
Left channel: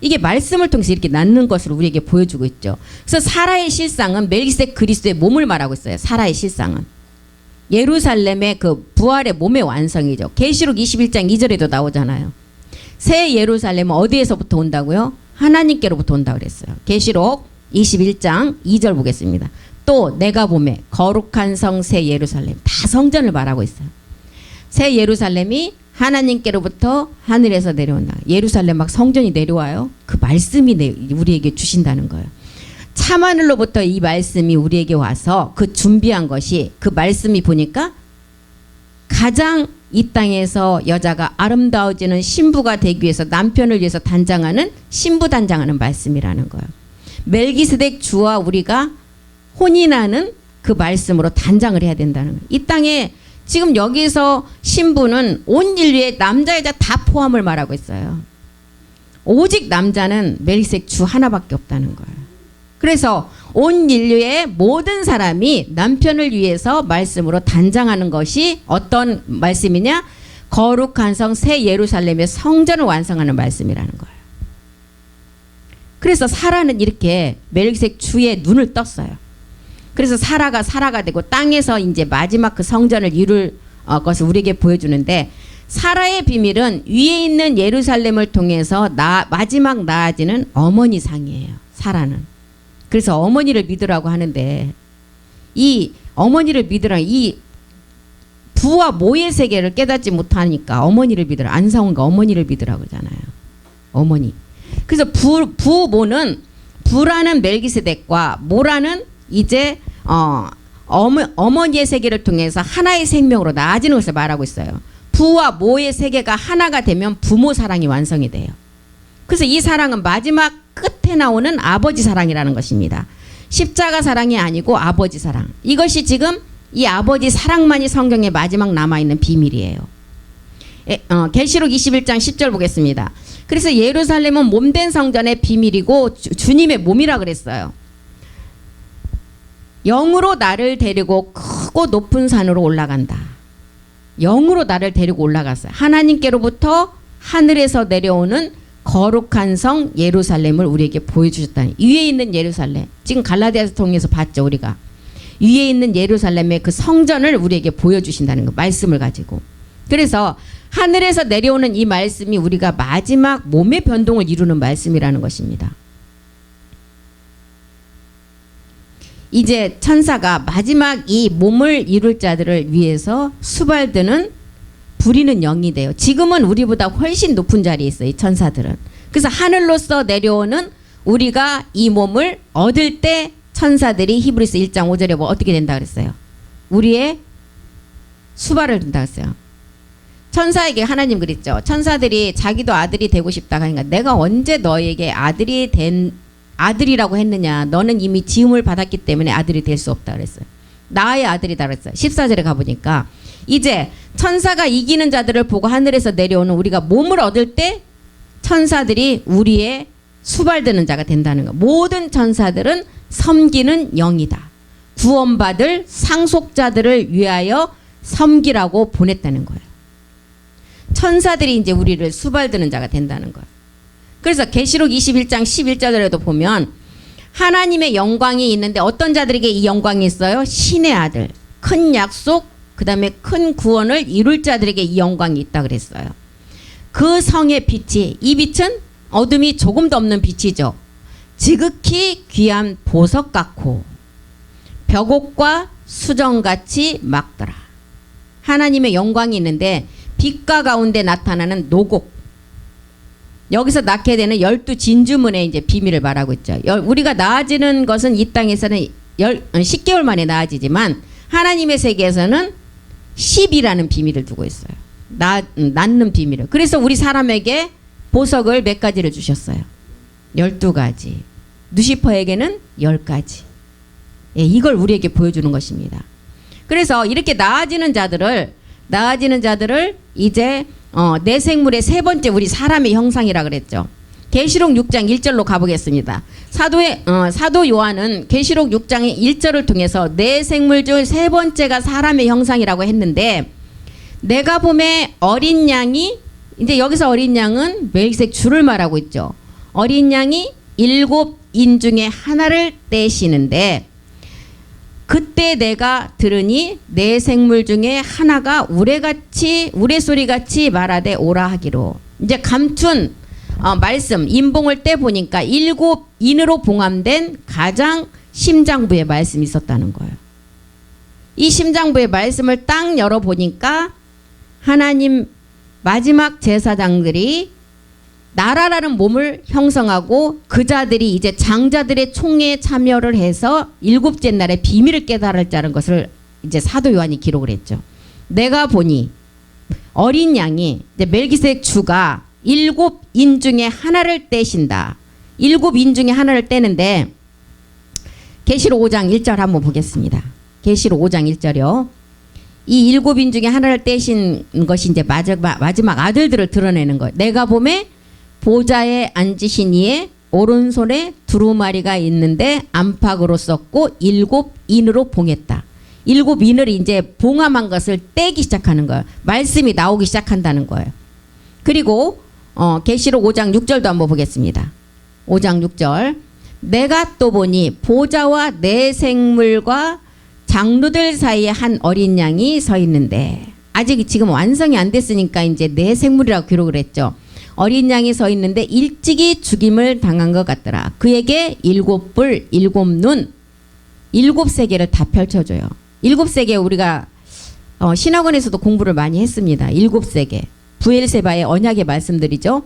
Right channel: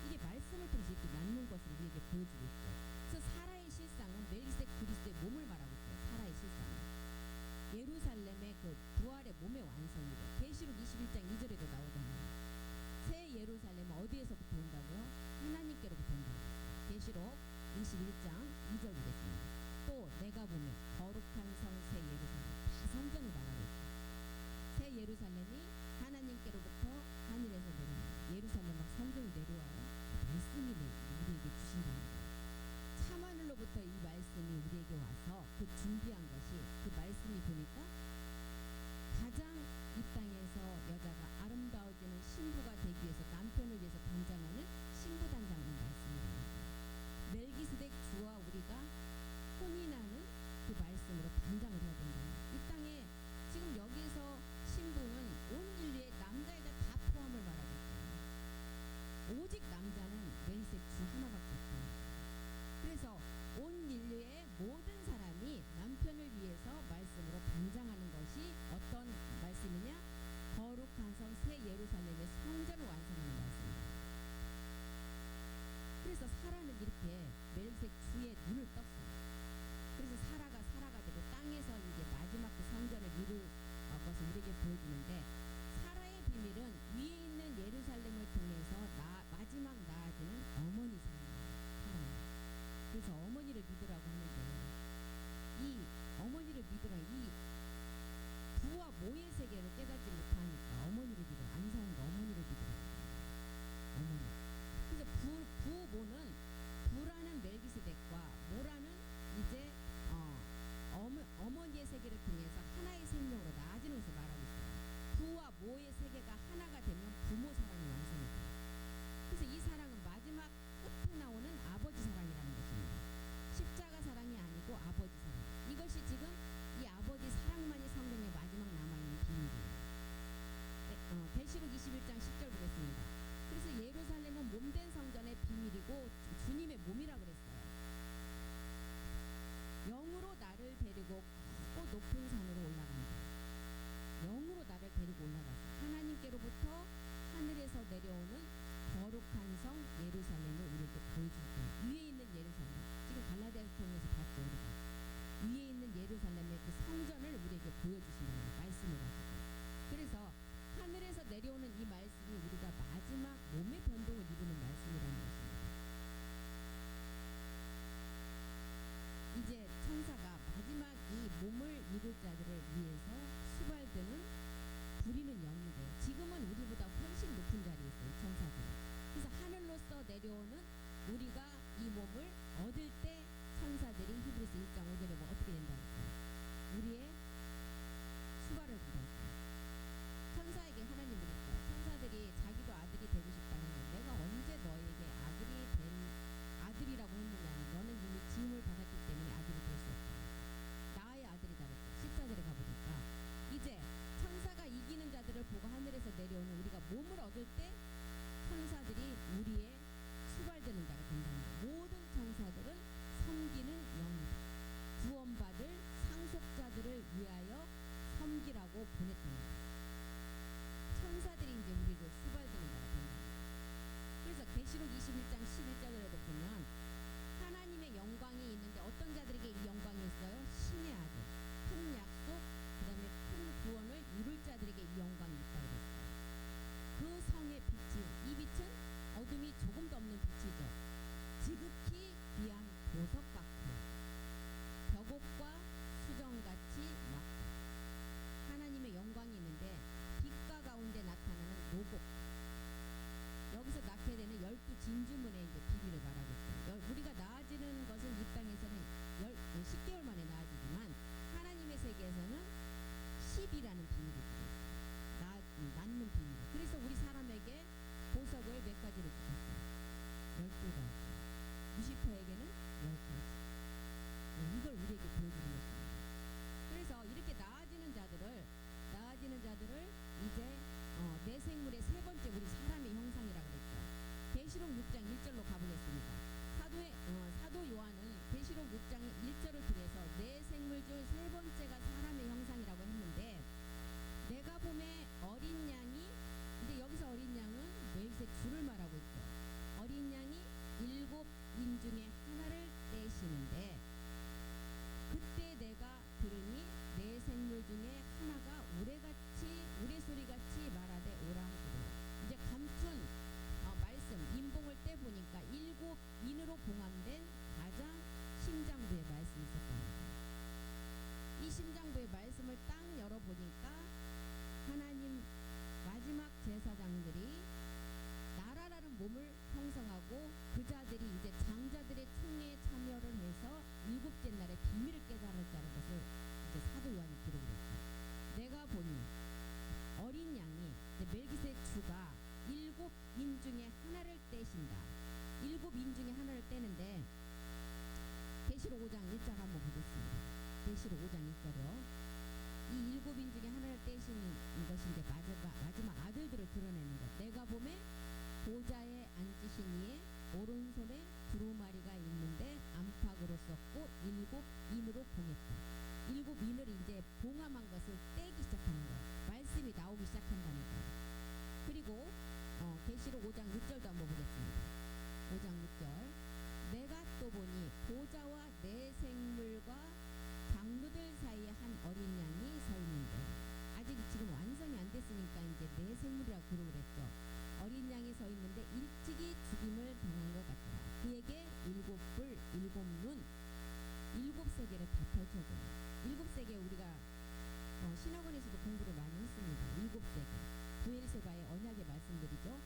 이게 말씀을 통해서 이렇게 낳는 것을 우리에게 보여주고 있죠. 그래서 사라의 실상은 멜기세덱 그리스도의 몸을 말하고 있어요. 사라의 실상은 예루살렘의 그 부활의 몸의 완성이죠. 계시록 21장 2절에도 나오잖아요. 새 예루살렘은 어디에서부터 온다고요? 하나님께로부터 온다고 그랬어요. 계시록 21장 2절 보겠습니다. 또 내가 보매 거룩한 성 새 예루살렘, 다 성전을 말하고 있어요. 새 예루살렘이 하나님께로부터 하늘에서 내려온다. 예루살렘 막 성전이 내려와요. 그 말씀이 우리에게 주신다는 거예요. 참하늘로부터 이 말씀이 우리에게 와서 그 준비한 것이, 그 말씀이 보니까 가장 이 땅에서 여자가 아름다워지는 신부가 되기 위해서 남편을 위해서 단장하는 신부 단장하는 말씀이라는 거예요. 멜기세덱 주와 우리가 혼인하는 그 말씀으로 단장을 해야 된다는 거예요. 이 땅에 지금 여기서 신부는 온 인류의 남자 여자 다 포함을 말하고 있어요. 오직 남자는 멜기세덱 주 하나밖에 없다는 거예요. 그래서 온 인류의 모든 사람이 남편을 위해서 말씀으로 단장하는 것이 어떤 말씀이냐? 거룩한 성 새 예루살렘의 성전을 완성하는 말씀이라는 거예요. 그래서 사라는 이렇게 멜기세덱 주의 눈을 떴어요. 그래서 사라가 되고 땅에서 이제 마지막 그 성전을 이룰 것을 우리에게 보여주는데, 사라의 비밀은 위에 있는 예루살렘을 통해서 마지막 나아지는 어머니 상이에요. 사라는. 그래서 어머니를 믿으라고 하는데, 이 어머니를 믿으라, 이 부와 모의 세계를 깨닫지 못하니까 어머니를 믿으라, 안사온가 어머니를 믿으라고 하잖아요. 어머니. 그래서 부모는, 부라는 멜기세덱과 모라는 이제 어머니의 세계를 통해서 하나의 생명으로 나아지는 것을 말하고 있어요. 부와 모의 세계가 하나가 되면 부모 사랑이 완성이 돼요. 그래서 이 사랑은 마지막 끝에 나오는 아버지 사랑이라는 것입니다. 십자가 사랑이 아니고 아버지 사랑. 이것이 지금 이 아버지 사랑만이 성경에 마지막 남아있는 비밀이에요. 계시록 21장 10절 보겠습니다. 그래서 예루살렘은 몸된 성전의 비밀이고 주님의 몸이라 그랬어요. 영으로 나를 데리고 크고 높은 산으로 올라간다. 영으로 나를 데리고 올라갔어요. 하나님께로부터 하늘에서 내려오는 거룩한 성 예루살렘을 우리에게 보여주셨다니. 위에 있는 예루살렘, 지금 갈라디아서 통해서 봤죠. 우리가 위에 있는 예루살렘의 그 성전을 우리에게 보여주신다는 거, 말씀을 가지고. 그래서 하늘에서 내려오는 이 말씀이 우리가 마지막 몸의 변동을 이루는 말씀이라는 것입니다. 이제 천사가 마지막 이 몸을 이룰 자들을 위해서 수발드는 부리는 영이 돼요. 지금은 우리보다 훨씬 높은 자리에 있어요, 이 천사들은. 그래서 하늘로서 내려오는 우리가 이 몸을 얻을 때 천사들이 히브리서 1장 5절에 뭐 어떻게 된다 그랬어요? 우리의 수발을 든다 그랬어요. 천사에게 하나님 그랬죠. 천사들이 자기도 아들이 되고 싶다 하니까 내가 언제 너에게 아들이 아들이라고 했느냐. 너는 이미 지음을 받았기 때문에 아들이 될 수 없다 그랬어요. 나의 아들이다 그랬어요. 14절에 가보니까 이제 천사가 이기는 자들을 보고 하늘에서 내려오는 우리가 몸을 얻을 때 천사들이 우리의 수발드는 자가 된다는 거. 모든 천사들은 섬기는 영이다. 구원받을 상속자들을 위하여 섬기라고 보냈다는 거예요. 천사들이 이제 우리를 수발드는 자가 된다는 거예요. 그래서 계시록 21장 11절에도 보면 하나님의 영광이 있는데 어떤 자들에게 이 영광이 있어요? 신의 아들, 큰 약속, 그 다음에 큰 구원을 이룰 자들에게 이 영광이 있다 그랬어요. 그 성의 빛이, 이 빛은 어둠이 조금도 없는 빛이죠. 지극히 귀한 보석 같고 벽옥과 수정같이 막더라. 하나님의 영광이 있는데 빛과 가운데 나타나는 노곡. 여기서 낳게 되는 12진주문의 이제 비밀을 말하고 있죠. 우리가 나아지는 것은 이 땅에서는 10개월 만에 나아지지만 하나님의 세계에서는 10이라는 비밀을 두고 있어요. 낳는 비밀을. 그래서 우리 사람에게 보석을 몇 가지를 주셨어요. 12가지. 누시퍼에게는 10가지. 예, 이걸 우리에게 보여주는 것입니다. 그래서 이렇게 나아지는 자들을 이제 내 생물의 세 번째 우리 사람의 형상이라 그랬죠. 계시록 6장 1절로 가보겠습니다. 사도 요한은 계시록 6장의 1절을 통해서 내 생물 중 세 번째가 사람의 형상이라고 했는데 내가 봄에 어린 양이 이제 여기서 어린 양은 멜기세덱 주를 말하고 있죠. 어린 양이 7인 중에 하나를 떼시는데 그때 내가 들으니 내 생물 중에 하나가 우레소리같이 말하되 오라 하기로. 이제 감춘 말씀 인봉을 떼 보니까 7인으로 봉함된 가장 심장부의 말씀이 있었다는 거예요. 이 심장부의 말씀을 딱 열어보니까 하나님 마지막 제사장들이 나라라는 몸을 형성하고 그 자들이 이제 장자들의 총회에 참여를 해서 7째 날에 비밀을 깨달을 자는 것을 이제 사도 요한이 기록을 했죠. 내가 보니 어린 양이 이제 멜기세덱 주가 7인 중에 하나를 떼신다. 7인 중에 하나를 떼는데 계시록 5장 1절 한번 보겠습니다. 계시록 5장 1절이요. 이 7인 중에 하나를 떼신 것이 이제 마지막 아들들을 드러내는 거예요. 내가 봄에 보좌에 앉으신 이의 오른손에 두루마리가 있는데 안팎으로 썼고 7인으로 봉했다. 7인을 이제 봉함한 것을 떼기 시작하는 거예요. 말씀이 나오기 시작한다는 거예요. 그리고 계시록 5장 6절도 한번 보겠습니다. 5장 6절. 내가 또 보니 보좌와 내 생물과 장로들 사이에 한 어린 양이 서 있는데 아직 지금 완성이 안 됐으니까 이제 내 생물이라고 기록을 했죠. 어린 양이 서 있는데 일찍이 죽임을 당한 것 같더라. 그에게 7뿔 7눈 7세계를 다 펼쳐줘요. 7세계 우리가 신학원에서도 공부를 많이 했습니다. 7세계 부엘세바의 언약의 말씀들이죠.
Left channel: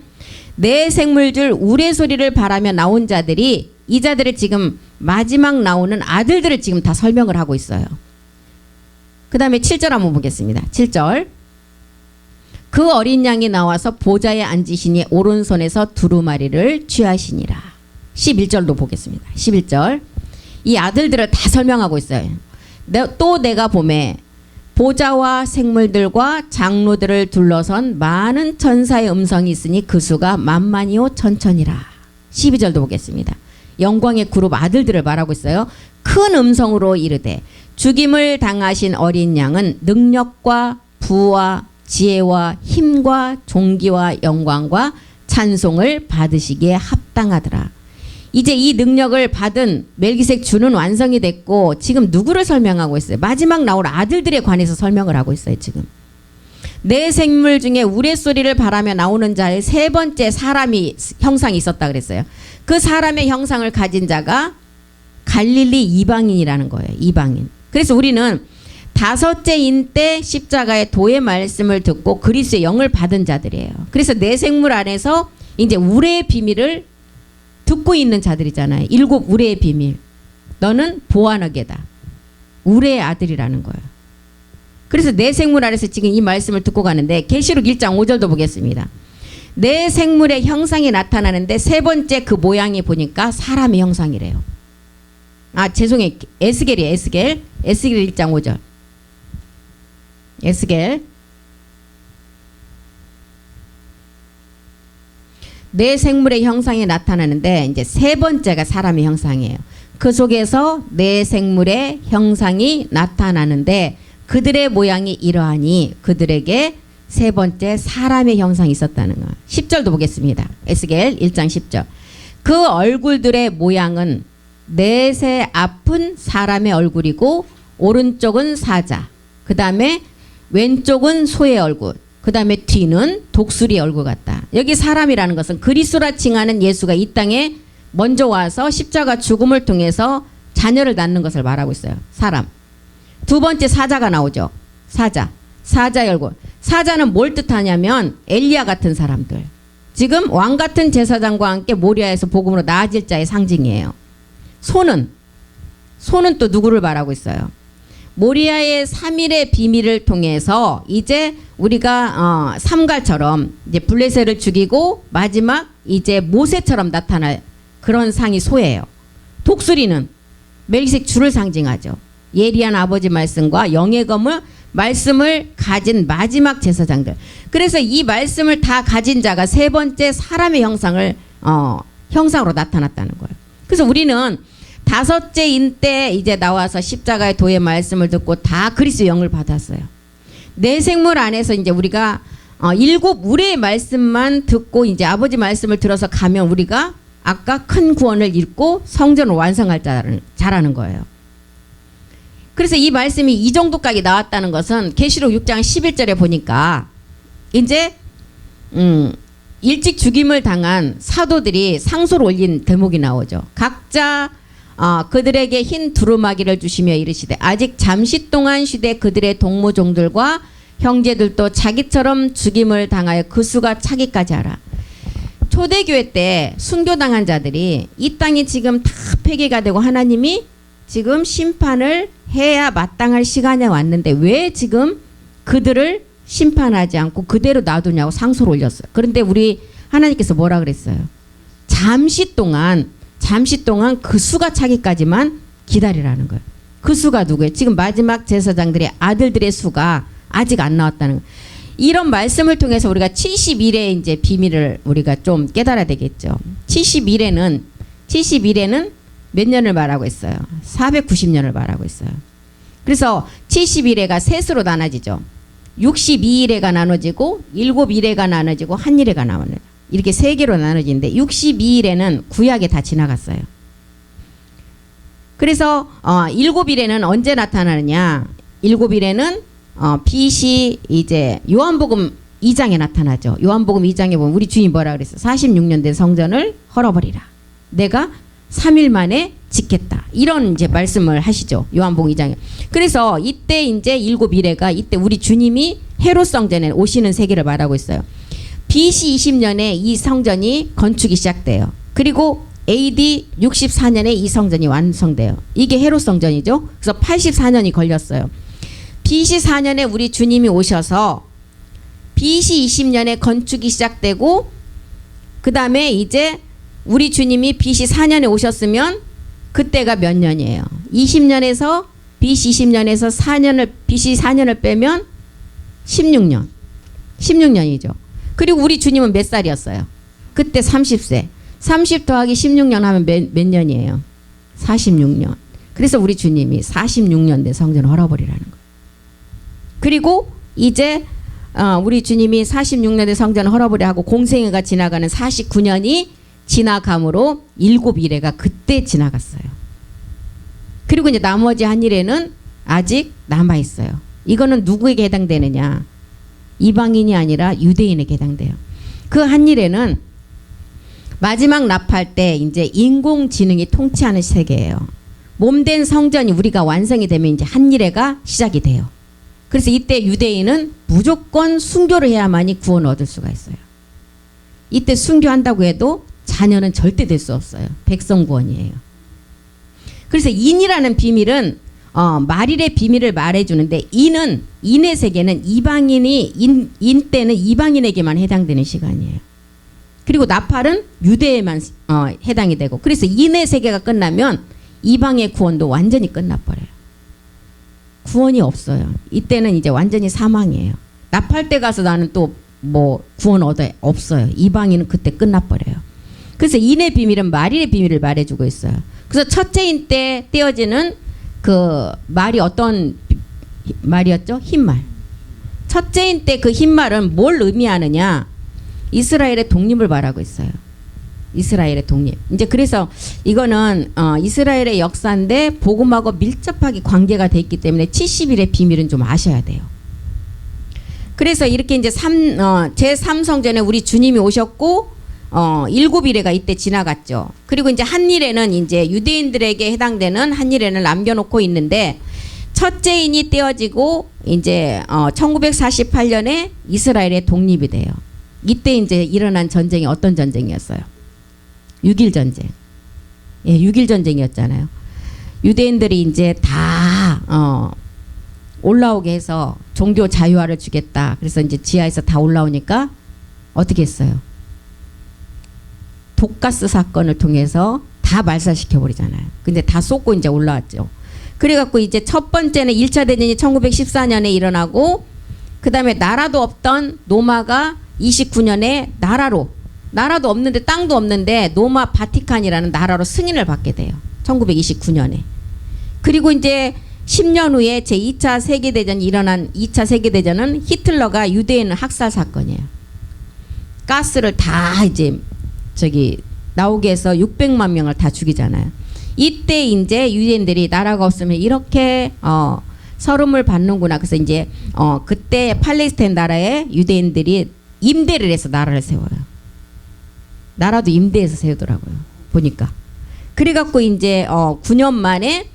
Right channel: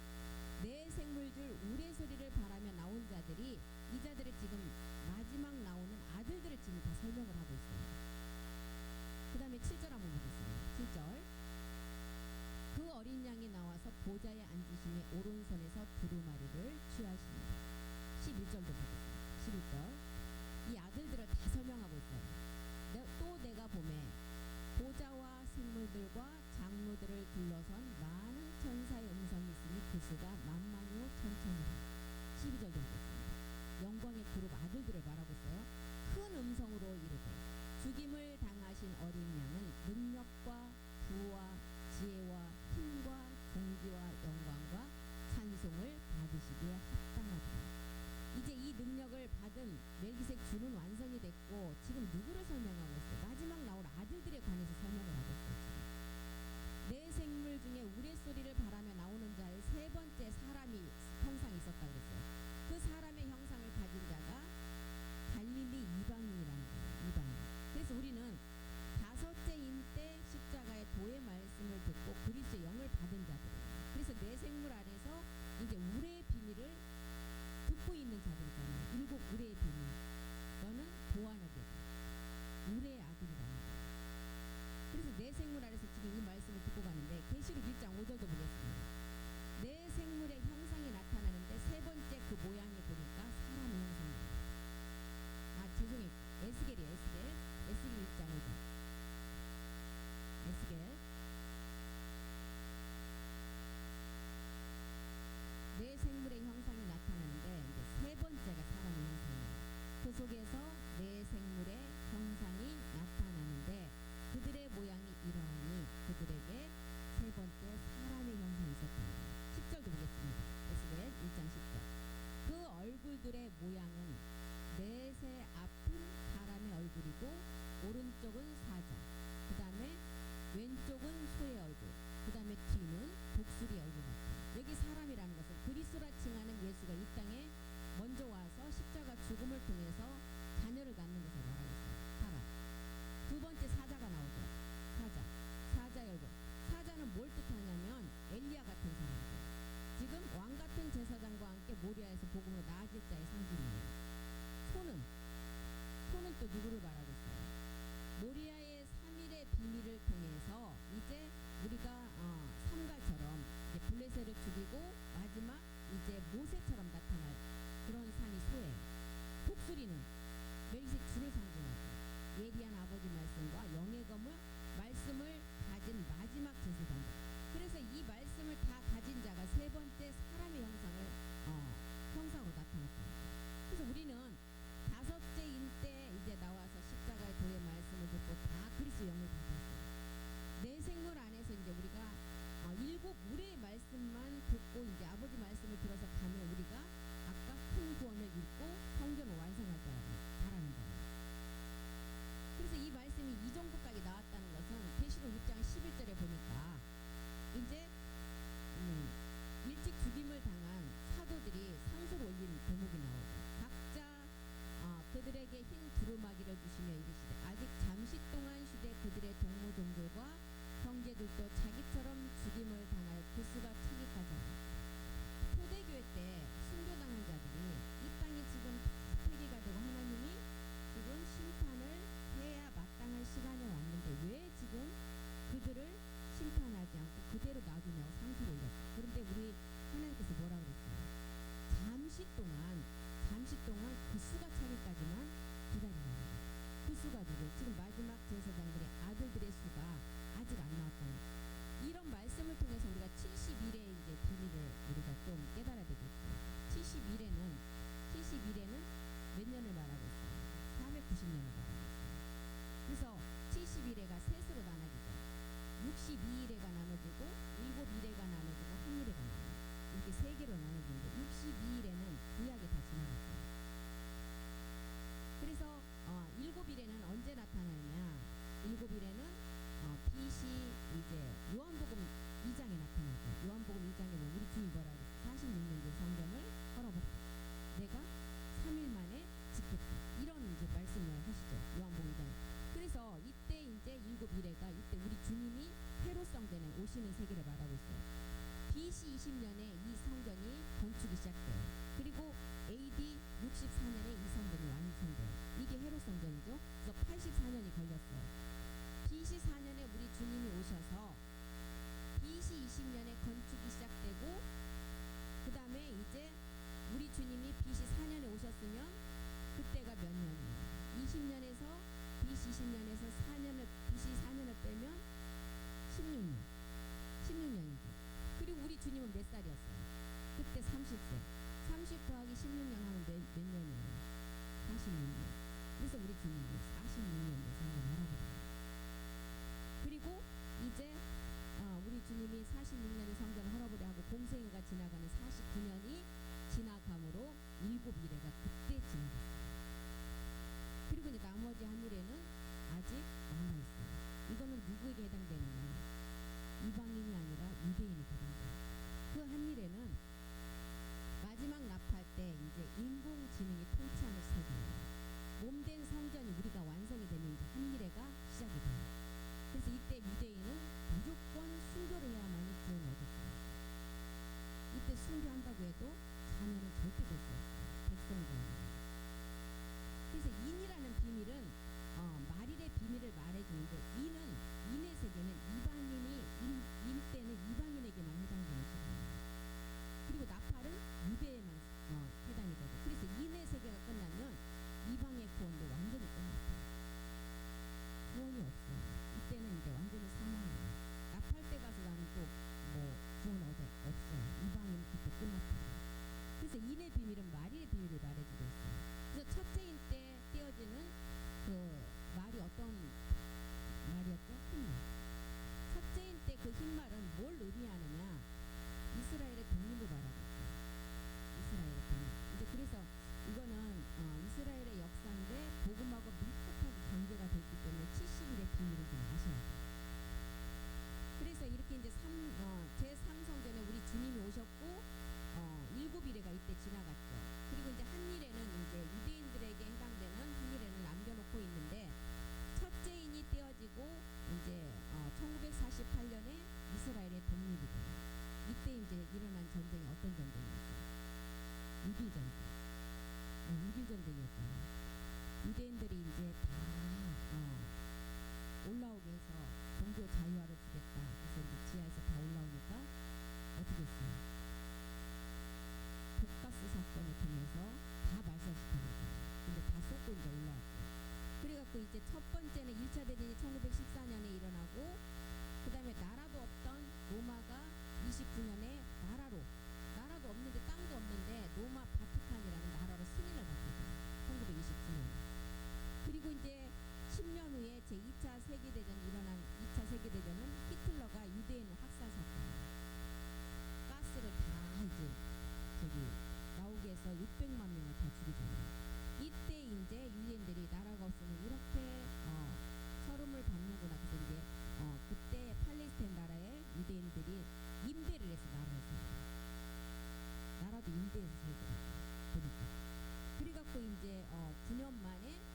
내 생물줄 우레소리를 바라며 나온 자들이 이 자들을 지금 마지막 나오는 아들들을 지금 다 설명을 하고 있어요. 그 다음에 7절 한번 보겠습니다. 7절. 그 어린 양이 나와서 보좌에 앉으시니 오른손에서 두루마리를 취하시니라. 11절도 보겠습니다. 11절. 이 아들들을 다 설명하고 있어요. 또 내가 봄에 보좌와 생물들과 장로들을 둘러선 많은 천사의 음성이 있으니 그 수가 만만이요 천천이라. 12절도 보겠습니다. 영광의 그룹 아들들을 말하고 있어요. 큰 음성으로 이르되 죽임을 당하신 어린 양은 능력과 부와 지혜와 힘과 존귀와 영광과 찬송을 받으시기에 합당하더라. 이제 이 능력을 받은 멜기세덱 주는 완성이 됐고 지금 누구를 설명하고 있어요? 마지막 나올 아들들에 관해서 설명을 하고 있어요. 지금 내 생물 중에 우레소리를 바라며 나오는 자의 세 번째 사람이 형상이 있었다 그랬어요. 그 사람의 형상을 가진 자가 갈릴리 이방인이라는 거예요. 이방인. 그래서 우리는 5째인 때 십자가의 도의 말씀을 듣고 그리스도의 영을 받은 자들이에요. 그래서 내 생물 안에서 이제 우레의 비밀을 듣고 있는 자들이잖아요. 7 우레의 비밀. 너는 보아너게다. 우레의 아들이라는 거예요. 그래서 내 생물 안에서 지금 이 말씀을 듣고 가는데 계시록 1장 5절도 보겠습니다. 내 생물의 형상이 나타나는데 세 번째 그 모양이 보니까 사람의 형상이래요. 아 죄송해요. 에스겔이에요. 에스겔 1장 5절. 에스겔 내 생물의 형상이 나타나는데 이제 세 번째가 사람의 형상이에요. 그 속에서 내 생물의 형상이 나타나는데 그들의 모양이 이러하니 그들에게 세 번째 사람의 형상이 있었다는 거. 10절도 보겠습니다. 에스겔 1장 10절. 그 얼굴들의 모양은 넷의 앞은 사람의 얼굴이고 오른쪽은 사자, 그 다음에 왼쪽은 소의 얼굴, 그 다음에 뒤는 독수리의 얼굴 같다. 여기 사람이라는 것은 그리스도라 칭하는 예수가 이 땅에 먼저 와서 십자가 죽음을 통해서 자녀를 낳는 것을 말하고 있어요. 사람. 두 번째 사자가 나오죠. 사자. 사자의 얼굴. 사자는 뭘 뜻하냐면 엘리야 같은 사람들. 지금 왕 같은 제사장과 함께 모리아에서 복음으로 나아질 자의 상징이에요. 소는 또 누구를 말하고 있어요? 모리아의 3일의 비밀을 통해서 이제 우리가 삼갈처럼 이제 블레셋을 죽이고 마지막 이제 모세처럼 나타날 그런 상이 소예요. 독수리는 멜기세덱 주를 상징하죠. 예리한 아버지 말씀과 영의 검을 말씀을 가진 마지막 제사장들. 그래서 이 말씀을 다 가진 자가 세 번째 사람의 형상으로 나타났다는 거예요. 그래서 우리는 다섯째 인 때 이제 나와서 십자가의 도의 말씀을 듣고 다 그리스도 영을 받았어요. 내 생물 안에서 이제 우리가 7우레의 말씀만 듣고 이제 아버지 말씀을 들어서 가면 우리가 아까 큰 구원을 읽고 성전을 완성할 자라는 거예요. 그래서 이 말씀이 이 정도까지 나왔다는 것은 계시록 6장 11절에 보니까 이제 일찍 죽임을 당한 사도들이 상소를 올린 대목이 나오죠. 각자 그들에게 흰 두루마기를 주시며 이르시되 아직 잠시 동안 쉬되 그들의 동무종들과 형제들도 자기처럼 죽임을 당하여 그 수가 차기까지 하라. 초대교회 때 순교당한 자들이 이 땅이 지금 다 폐기가 되고 하나님이 지금 심판을 해야 마땅할 시간에 왔는데 왜 지금 그들을 심판하지 않고 그대로 놔두냐고 상소를 올렸어요. 그런데 우리 하나님께서 뭐라 그랬어요? 잠시 동안 그 수가 차기까지만 기다리라는 거예요. 그 수가 누구예요? 지금 마지막 제사장들의 아들들의 수가 아직 안 나왔다는 거예요. 이런 말씀을 통해서 우리가 71의 이제 비밀을 우리가 좀 깨달아야 되겠죠. 71에는 몇 년을 말하고 있어요? 490년을 말하고 있어요. 그래서 71회가 셋으로 나눠지죠. 62일회가 나눠지고 7일회가 나눠지고 1일회가 나눠요. 이렇게 세 개로 나눠지는데 62일에는 구약에 다 지나갔어요. 그래서 7일에는 언제 나타나느냐? 7일에는 빛이 이제 요한복음 2장에 나타나죠. 요한복음 2장에 보면 우리 주님 뭐라 그랬어요? 46년 된 성전을 헐어버리라. 내가 3일 만에 짓겠다. 이런 이제 말씀을 하시죠. 요한복음 2장에. 그래서 이때 이제 7일회가 이때 우리 주님이 헤롯 성전에 오시는 세계를 말하고 있어요. BC 20년에 이 성전이 건축이 시작돼요. 그리고 AD 64년에 이 성전이 완성돼요. 이게 헤롯 성전이죠. 그래서 84년이 걸렸어요. BC 4년에 우리 주님이 오셔서 BC 20년에 건축이 시작되고 그 다음에 이제 우리 주님이 BC 4년에 오셨으면 그때가 몇 년이에요? 20년에서 BC 20년에서 4년을 BC 4년을 빼면 16년이죠. 그리고 우리 주님은 몇 살이었어요? 그때 30세. 30 더하기 16년 하면 몇 년이에요? 46년. 그래서 우리 주님이 46년 된 성전을 헐어버리라는 거예요. 그리고 이제 우리 주님이 46년 된 성전을 헐어버려 하고 공생애가 지나가는 49년이 지나감으로 7일회가 그때 지나갔어요. 그리고 이제 나머지 한 일에는 아직 남아있어요. 이거는 누구에게 해당되느냐? 이방인이 아니라 유대인에게 해당돼요. 그 한 일에는 마지막 납할 때 이제 인공지능이 통치하는 세계예요. 몸된 성전이 우리가 완성이 되면 이제 한 일회가 시작이 돼요. 그래서 이때 유대인은 무조건 순교를 해야만이 구원을 얻을 수가 있어요. 이때 순교한다고 해도 자녀는 절대 될 수 없어요. 백성 구원이에요. 그래서 인이라는 비밀은 말일의 비밀을 말해주는데 인의 세계는 이방인이 인 때는 이방인에게만 해당되는 시간이에요. 그리고 나팔은 유대에만 해당이 되고, 그래서 인의 세계가 끝나면 이방의 구원도 완전히 끝나버려요. 구원이 없어요. 이때는 이제 완전히 사망이에요. 나팔 때 가서 나는 또 뭐 구원 없어요. 이방인은 그때 끝나버려요. 그래서 인의 비밀은 말일의 비밀을 말해주고 있어요. 그래서 첫째인 때 떼어지는 그 말이 어떤 말이었죠? 흰말. 첫째인 때 그 흰말은 뭘 의미하느냐? 이스라엘의 독립을 말하고 있어요. 이스라엘의 독립. 이제 그래서 이거는 이스라엘의 역사인데 복음하고 밀접하게 관계가 돼 있기 때문에 70일의 비밀은 좀 아셔야 돼요. 그래서 이렇게 이제 제3성전에 우리 주님이 오셨고 7일에가 이때 지나갔죠. 그리고 이제 한일에는 이제 유대인들에게 해당되는 한일에는 남겨놓고 있는데, 첫째인이 떼어지고 이제 1948년에 이스라엘의 독립이 돼요. 이때 이제 일어난 전쟁이 어떤 전쟁이었어요? 6.1 전쟁. 예, 6.1 전쟁이었잖아요. 유대인들이 이제 다 올라오게 해서 종교 자유화를 주겠다. 그래서 이제 지하에서 다 올라오니까 어떻게 했어요? 독가스 사건을 통해서 다 말살시켜 버리잖아요. 근데 다 쏟고 이제 올라왔죠. 그래갖고 이제 첫 번째는 1차 대전이 1914년에 일어나고, 그 다음에 나라도 없던 노마가 29년에 나라도 없는데 땅도 없는데 노마 바티칸이라는 나라로 승인을 받게 돼요. 1929년에. 그리고 이제 10년 후에 제2차 세계대전이 일어난 2차 세계대전은 히틀러가 유대인 학살 사건이에요. 가스를 다 이제 나오게 해서 600만 명을 다 죽이잖아요. 이때 이제 유대인들이 나라가 없으면 이렇게 서름을 받는구나. 그래서 이제 그때 팔레스타인 나라에 유대인들이 임대를 해서 나라를 세워요. 나라도 임대해서 세우더라고요. 보니까. 그래갖고 이제 9년 만에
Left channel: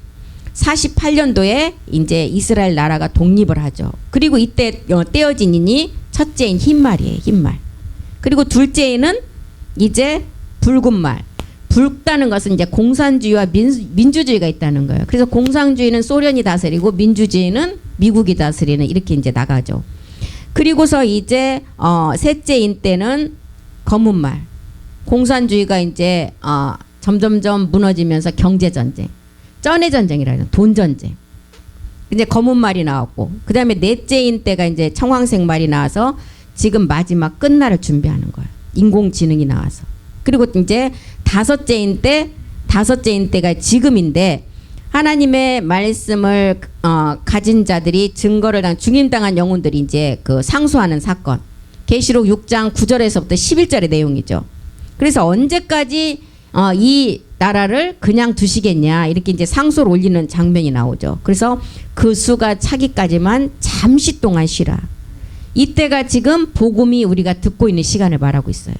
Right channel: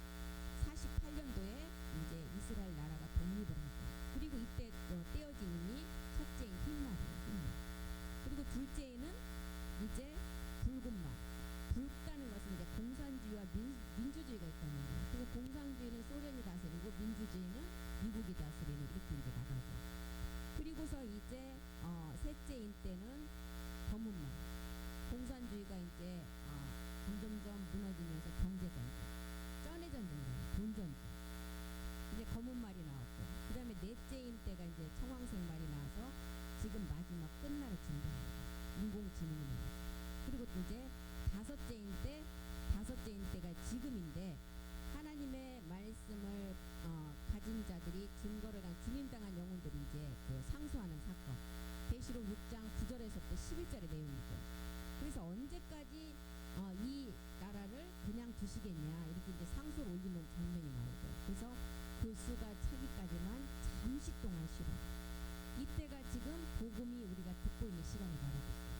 48년도에 이제 이스라엘 나라가 독립을 하죠. 그리고 이때 떼어진 인이 첫째인 흰말이에요. 흰말. 그리고 둘째인은 이제 붉은 말. 붉다는 것은 이제 공산주의와 민주주의가 있다는 거예요. 그래서 공산주의는 소련이 다스리고 민주주의는 미국이 다스리는, 이렇게 이제 나가죠. 그리고서 이제 셋째인 때는 검은 말. 공산주의가 이제 점점점 무너지면서 경제전쟁, 쩐해전쟁이라는 돈전쟁. 이제 검은 말이 나왔고, 그 다음에 넷째인 때가 이제 청황색 말이 나와서 지금 마지막 끝날을 준비하는 거예요. 인공지능이 나와서. 그리고 이제 다섯째인 때가 지금인데, 하나님의 말씀을 가진 자들이 증거를 중임당한 영혼들이 이제 그 상소하는 사건. 계시록 6장 9절에서부터 11절의 내용이죠. 그래서 언제까지 이 나라를 그냥 두시겠냐, 이렇게 이제 상소를 올리는 장면이 나오죠. 그래서 그 수가 차기까지만 잠시 동안 쉬라. 이때가 지금 복음이 우리가 듣고 있는 시간을 말하고 있어요.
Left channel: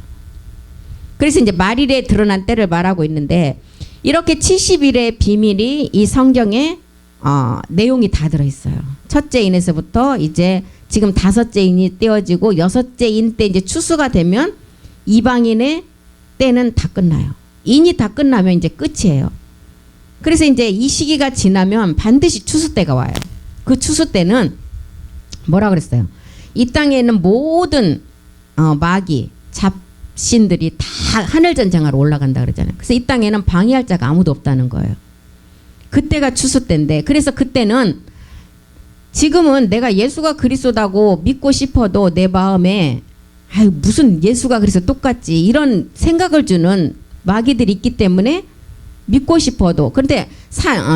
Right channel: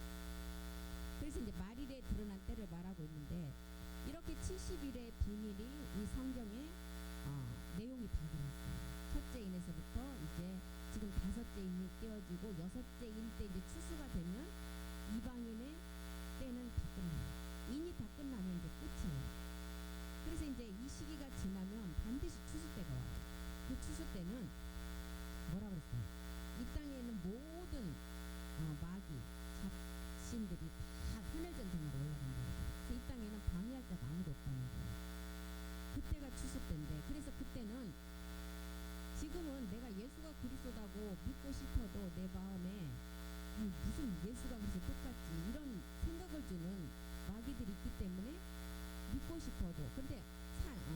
그래서 이제 말일에 드러난 때를 말하고 있는데, 이렇게 70일의 비밀이 이 성경에 내용이 다 들어있어요. 첫째 인에서부터 이제 지금 다섯째 인이 떼어지고 여섯째 인 때 이제 추수가 되면 이방인의 때는 다 끝나요. 인이 다 끝나면 이제 끝이에요. 그래서 이제 이 시기가 지나면 반드시 추수 때가 와요. 그 추수 때는 뭐라 그랬어요? 이 땅에 있는 모든 마귀, 잡신들이 다 하늘 전쟁하러 올라간다 그러잖아요. 그래서 이 땅에는 방해할 자가 아무도 없다는 거예요. 그때가 추수 때인데, 그래서 그때는 지금은 내가 예수가 그리스도다고 믿고 싶어도 내 마음에 아유 무슨 예수가 그래서 똑같지 이런 생각을 주는 마귀들이 있기 때문에 믿고 싶어도, 그런데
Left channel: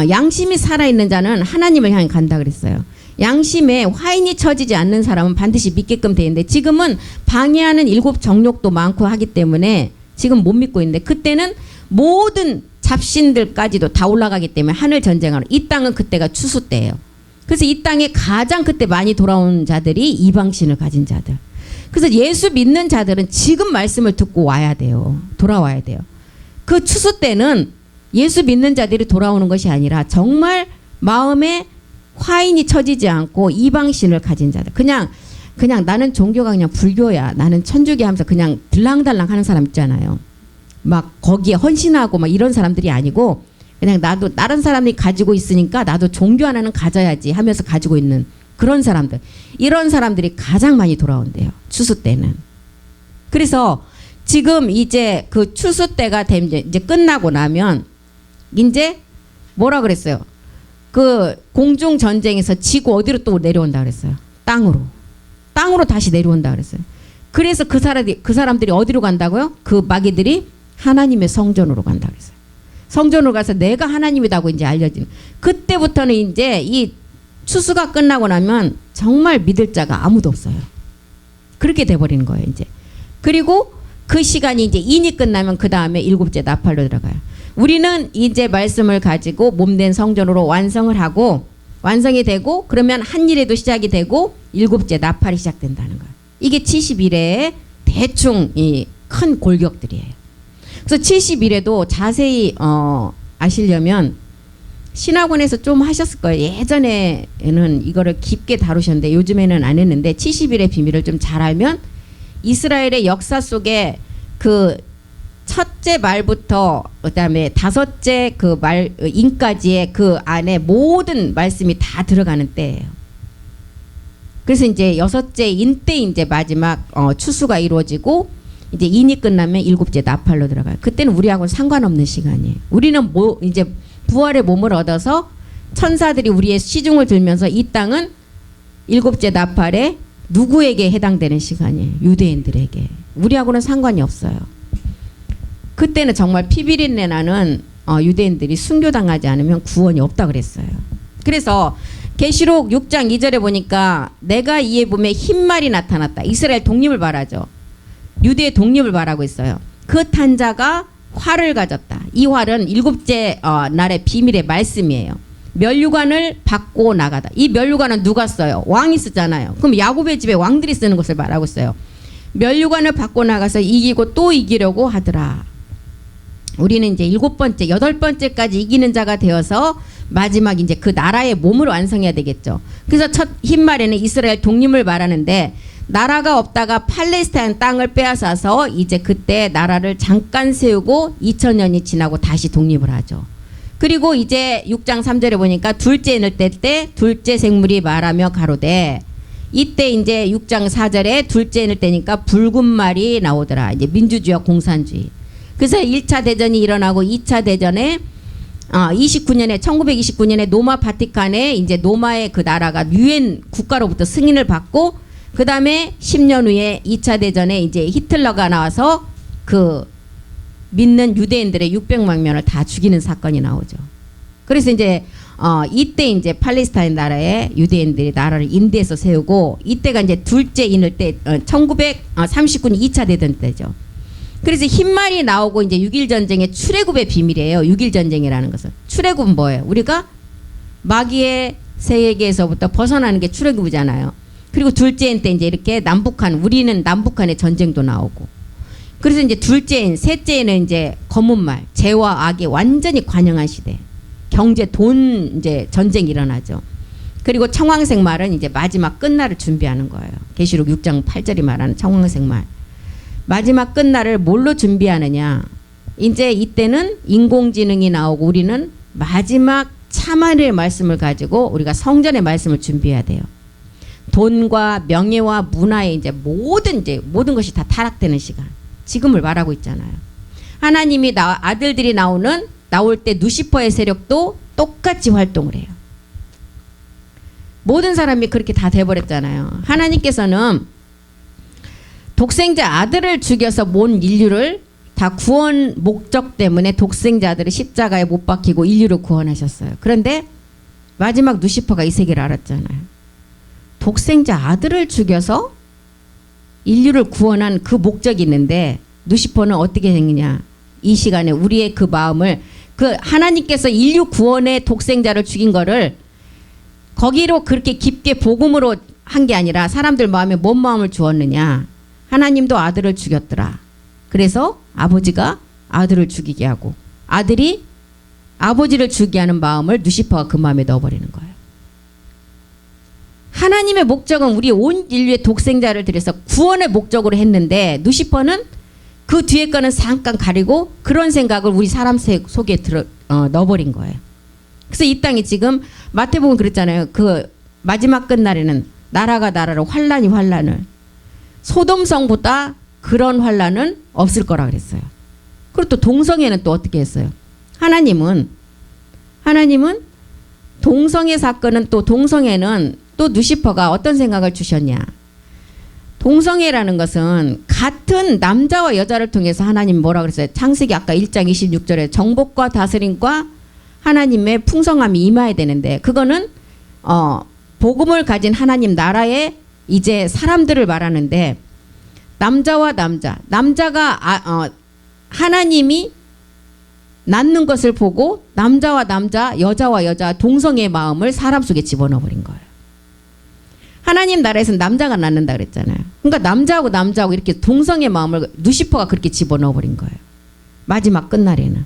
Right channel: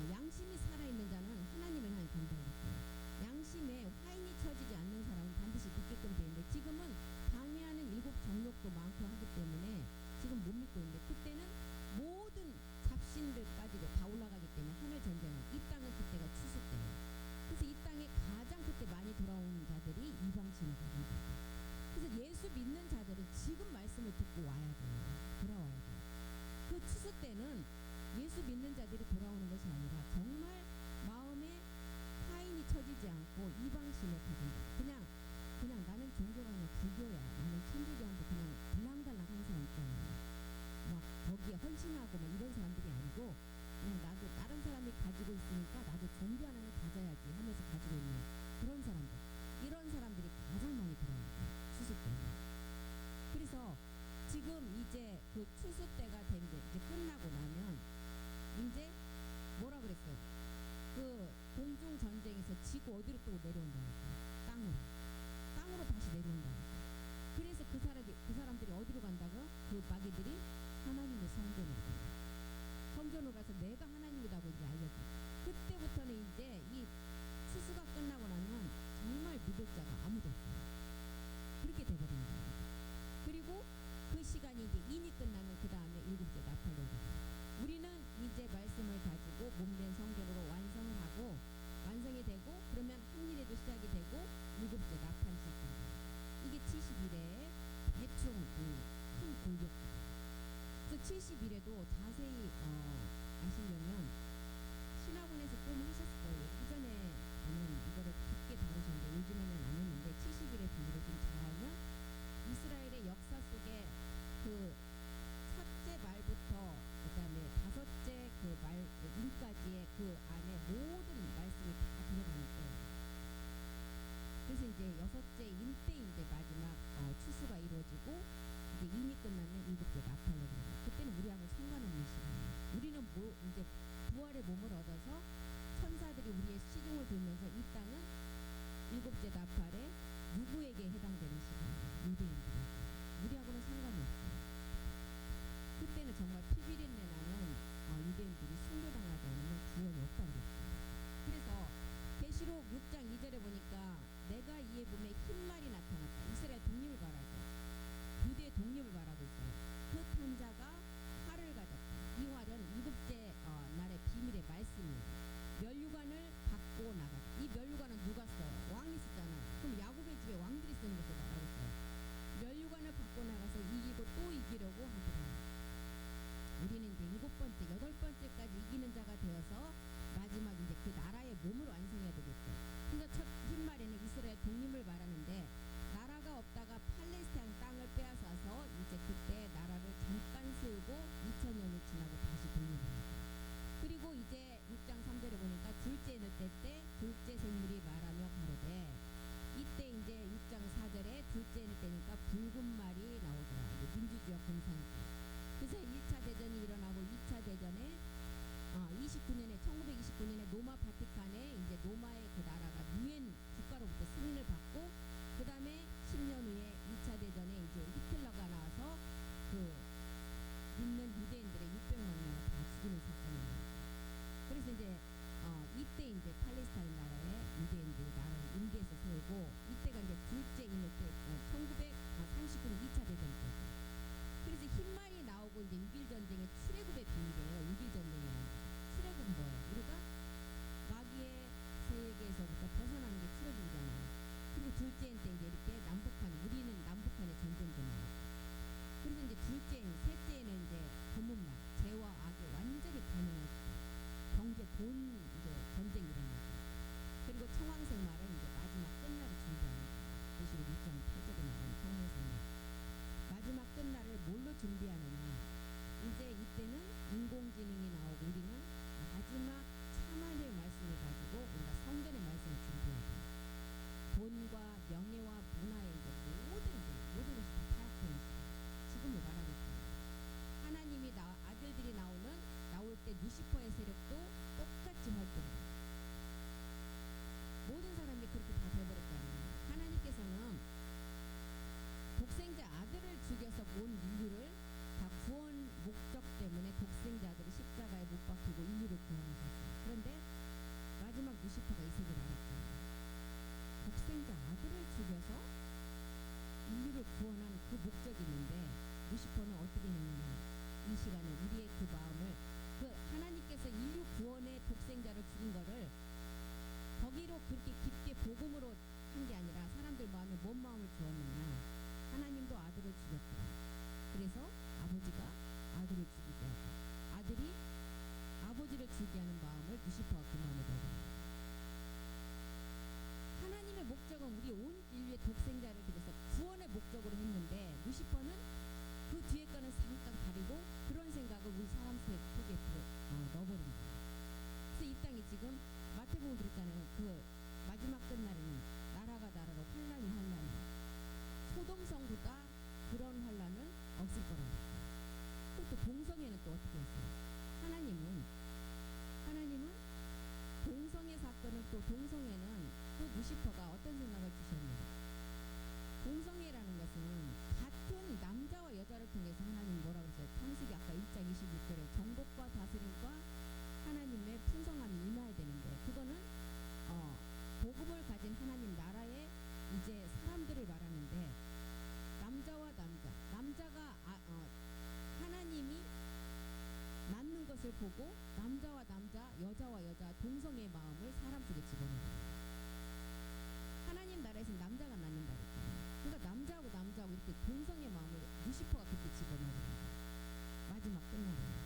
양심이 살아있는 자는 하나님을 향해 간다 그랬어요. 양심에 화인이 처지지 않는 사람은 반드시 믿게끔 돼 있는데, 지금은 방해하는 일곱 정욕도 많고 하기 때문에 지금 못 믿고 있는데, 그때는 모든 잡신들까지도 다 올라가기 때문에 하늘 전쟁하러, 이 땅은 그때가 추수 때예요. 그래서 이 땅에 가장 그때 많이 돌아온 자들이 이방신을 가진 자들. 그래서 예수 믿는 자들은 지금 말씀을 듣고 와야 돼요. 돌아와야 돼요. 그 추수 때는 예수 믿는 자들이 돌아오는 것이 아니라 정말 마음에 화인이 처지지 않고 이방신을 가진 자들. 그냥 나는 종교가 그냥 불교야, 나는 천주교 하면서 그냥 들랑달랑 하는 사람 있잖아요. 막 거기에 헌신하고 막 이런 사람들이 아니고, 그냥 나도 다른 사람이 가지고 있으니까 나도 종교 하나는 가져야지 하면서 가지고 있는 그런 사람들. 이런 사람들이 가장 많이 돌아온대요. 추수 때는. 그래서 지금 이제 그 추수 때가 이제 끝나고 나면 이제 뭐라 그랬어요? 그 공중 전쟁에서 지구 어디로 또 내려온다 그랬어요? 땅으로 다시 내려온다 그랬어요. 그래서 그 사람들이 어디로 간다고요? 그 마귀들이 하나님의 성전으로 간다 그랬어요. 성전으로 가서 내가 하나님이라고 이제 알려지는. 그때부터는 이제 이 추수가 끝나고 나면 정말 믿을 자가 아무도 없어요. 그렇게 돼버리는 거예요, 이제. 그리고 그 시간이 이제 인이 끝나면 그 다음에 일곱째 나팔로 들어가요. 우리는 이제 말씀을 가지고 몸된 성전으로 완성을 하고 완성이 되고 그러면 한 일에도 시작이 되고 일곱째 나팔이 시작된다는 거예요. 이게 70일의 대충 이 큰 골격들이에요. 그래서 70일에도 자세히 아시려면 신학원에서 좀 하셨을 거예요. 예전에는 이거를 깊게 다루셨는데 요즘에는 안 했는데 70일의 비밀을 좀 잘 알면 이스라엘의 역사 속에 그 첫째 말부터 그다음에 다섯째 그 말 인까지의 그 안에 모든 말씀이 다 들어가는 때예요. 그래서 이제 여섯째 인 때 이제 마지막 추수가 이루어지고 이제 인이 끝나면 일곱째 나팔로 들어가요. 그때는 우리하고는 상관없는 시간이에요. 우리는 뭐 이제 부활의 몸을 얻어서 천사들이 우리의 시중을 들면서 이 땅은 일곱째 나팔에 누구에게 해당되는 시간이에요? 유대인들에게. 우리하고는 상관이 없어요. 그때는 정말 피비린내 나는 유대인들이 순교당하지 않으면 구원이 없다 그랬어요. 그래서 계시록 6장 2절에 보니까 내가 이에 봄에 흰말이 나타났다. 이스라엘 독립을 말하죠. 유대의 독립을 말하고 있어요. 그 탄자가 활을 가졌다. 이 활은 일곱째 날의 비밀의 말씀이에요. 면류관을 받고 나가다. 이 면류관은 누가 써요? 왕이 쓰잖아요. 그럼 야곱의 집에 왕들이 쓰는 것을 말하고 있어요. 면류관을 받고 나가서 이기고 또 이기려고 하더라. 우리는 이제 여덟 번째까지 이기는 자가 되어서 마지막 이제 그 나라의 몸을 완성해야 되겠죠. 그래서 첫 흰말에는 이스라엘 독립을 말하는데 나라가 없다가 팔레스타인 땅을 빼앗아서 이제 그때 나라를 잠깐 세우고 2000년이 지나고 다시 독립을 하죠. 그리고 이제 6장 3절에 보니까 둘째 인을 뗄 때 둘째 생물이 말하며 가로되 이때 이제 6장 4절에 둘째 인을 떼니까 붉은 말이 나오더라. 이제 민주주의와 공산주의. 그래서 1차 대전이 일어나고 2차 대전에 1929년에 노마 바티칸에 이제 노마의 그 나라가 유엔 국가로부터 승인을 받고 그 다음에 10년 후에 2차 대전에 이제 히틀러가 나와서 그 믿는 유대인들의 600만 명을 다 죽이는 사건이 나오죠. 그래서 이제 이때 이제 팔레스타인 나라에 유대인들이 나라를 인도에서 세우고 이때가 이제 둘째 인을 때 1939년 2차 대전 때죠. 그래서 흰말이 나오고 이제 6.1 전쟁의 출애굽의 비밀이에요. 6.1 전쟁이라는 것은. 출애굽은 뭐예요? 우리가 마귀의 세계에서부터 벗어나는 게 출애굽이잖아요. 그리고 둘째인 때 이제 이렇게 우리는 남북한의 전쟁도 나오고. 그래서 이제 둘째인, 셋째는 이제 검은 말, 죄와 악이 완전히 관영한 시대. 경제, 돈 이제 전쟁이 일어나죠. 그리고 청황색 말은 이제 마지막 끝날을 준비하는 거예요. 계시록 6장 8절이 말하는 청황색 말. 마지막 끝날을 뭘로 준비하느냐. 이제 이때는 인공지능이 나오고 우리는 마지막 참아낼 말씀을 가지고 우리가 성전의 말씀을 준비해야 돼요. 돈과 명예와 문화의 이제 모든 것이 다 타락되는 시간. 지금을 말하고 있잖아요. 하나님이 아들들이 나올 때 누시퍼의 세력도 똑같이 활동을 해요. 모든 사람이 그렇게 다 돼버렸잖아요. 하나님께서는 독생자 아들을 죽여서 온 인류를 다 구원 목적 때문에 독생자 아들을 십자가에 못 박히고 인류를 구원하셨어요. 그런데 마지막 누시퍼가 이 세계를 알았잖아요. 독생자 아들을 죽여서 인류를 구원한 그 목적이 있는데 누시퍼는 어떻게 생기냐. 이 시간에 우리의 그 마음을 그 하나님께서 인류 구원의 독생자를 죽인 거를 거기로 그렇게 깊게 복음으로 한 게 아니라 사람들 마음에 뭔 마음을 주었느냐. 하나님도 아들을 죽였더라. 그래서 아버지가 아들을 죽이게 하고 아들이 아버지를 죽이게 하는 마음을 누시퍼가 그 마음에 넣어버리는 거예요. 하나님의 목적은 우리 온 인류의 독생자를 들여서 구원의 목적으로 했는데 누시퍼는 그 뒤에 거는 잠깐 가리고 그런 생각을 우리 사람 속에 넣어버린 거예요. 그래서 이 땅이 지금 마태복음 그랬잖아요. 그 마지막 끝날에는 나라가 나라로 환란이 환란을. 소돔성보다 그런 환란은 없을 거라 그랬어요. 그리고 또 동성애는 또 어떻게 했어요? 하나님은 동성애 사건은 또 동성애는 또 누시퍼가 어떤 생각을 주셨냐? 동성애라는 것은 같은 남자와 여자를 통해서 하나님 뭐라 그랬어요? 창세기 아까 1장 26절에 정복과 다스림과 하나님의 풍성함이 임해야 되는데 그거는 복음을 가진 하나님 나라의 이제 사람들을 말하는데 남자와 남자가 하나님이 낳는 것을 보고 남자와 남자, 여자와 여자 동성애의 마음을 사람 속에 집어넣어버린 거예요. 하나님 나라에서는 남자가 낳는다 그랬잖아요. 그러니까 남자하고 이렇게 동성애 마음을 누시퍼가 그렇게 집어넣어버린 거예요. 마지막 끝날에는.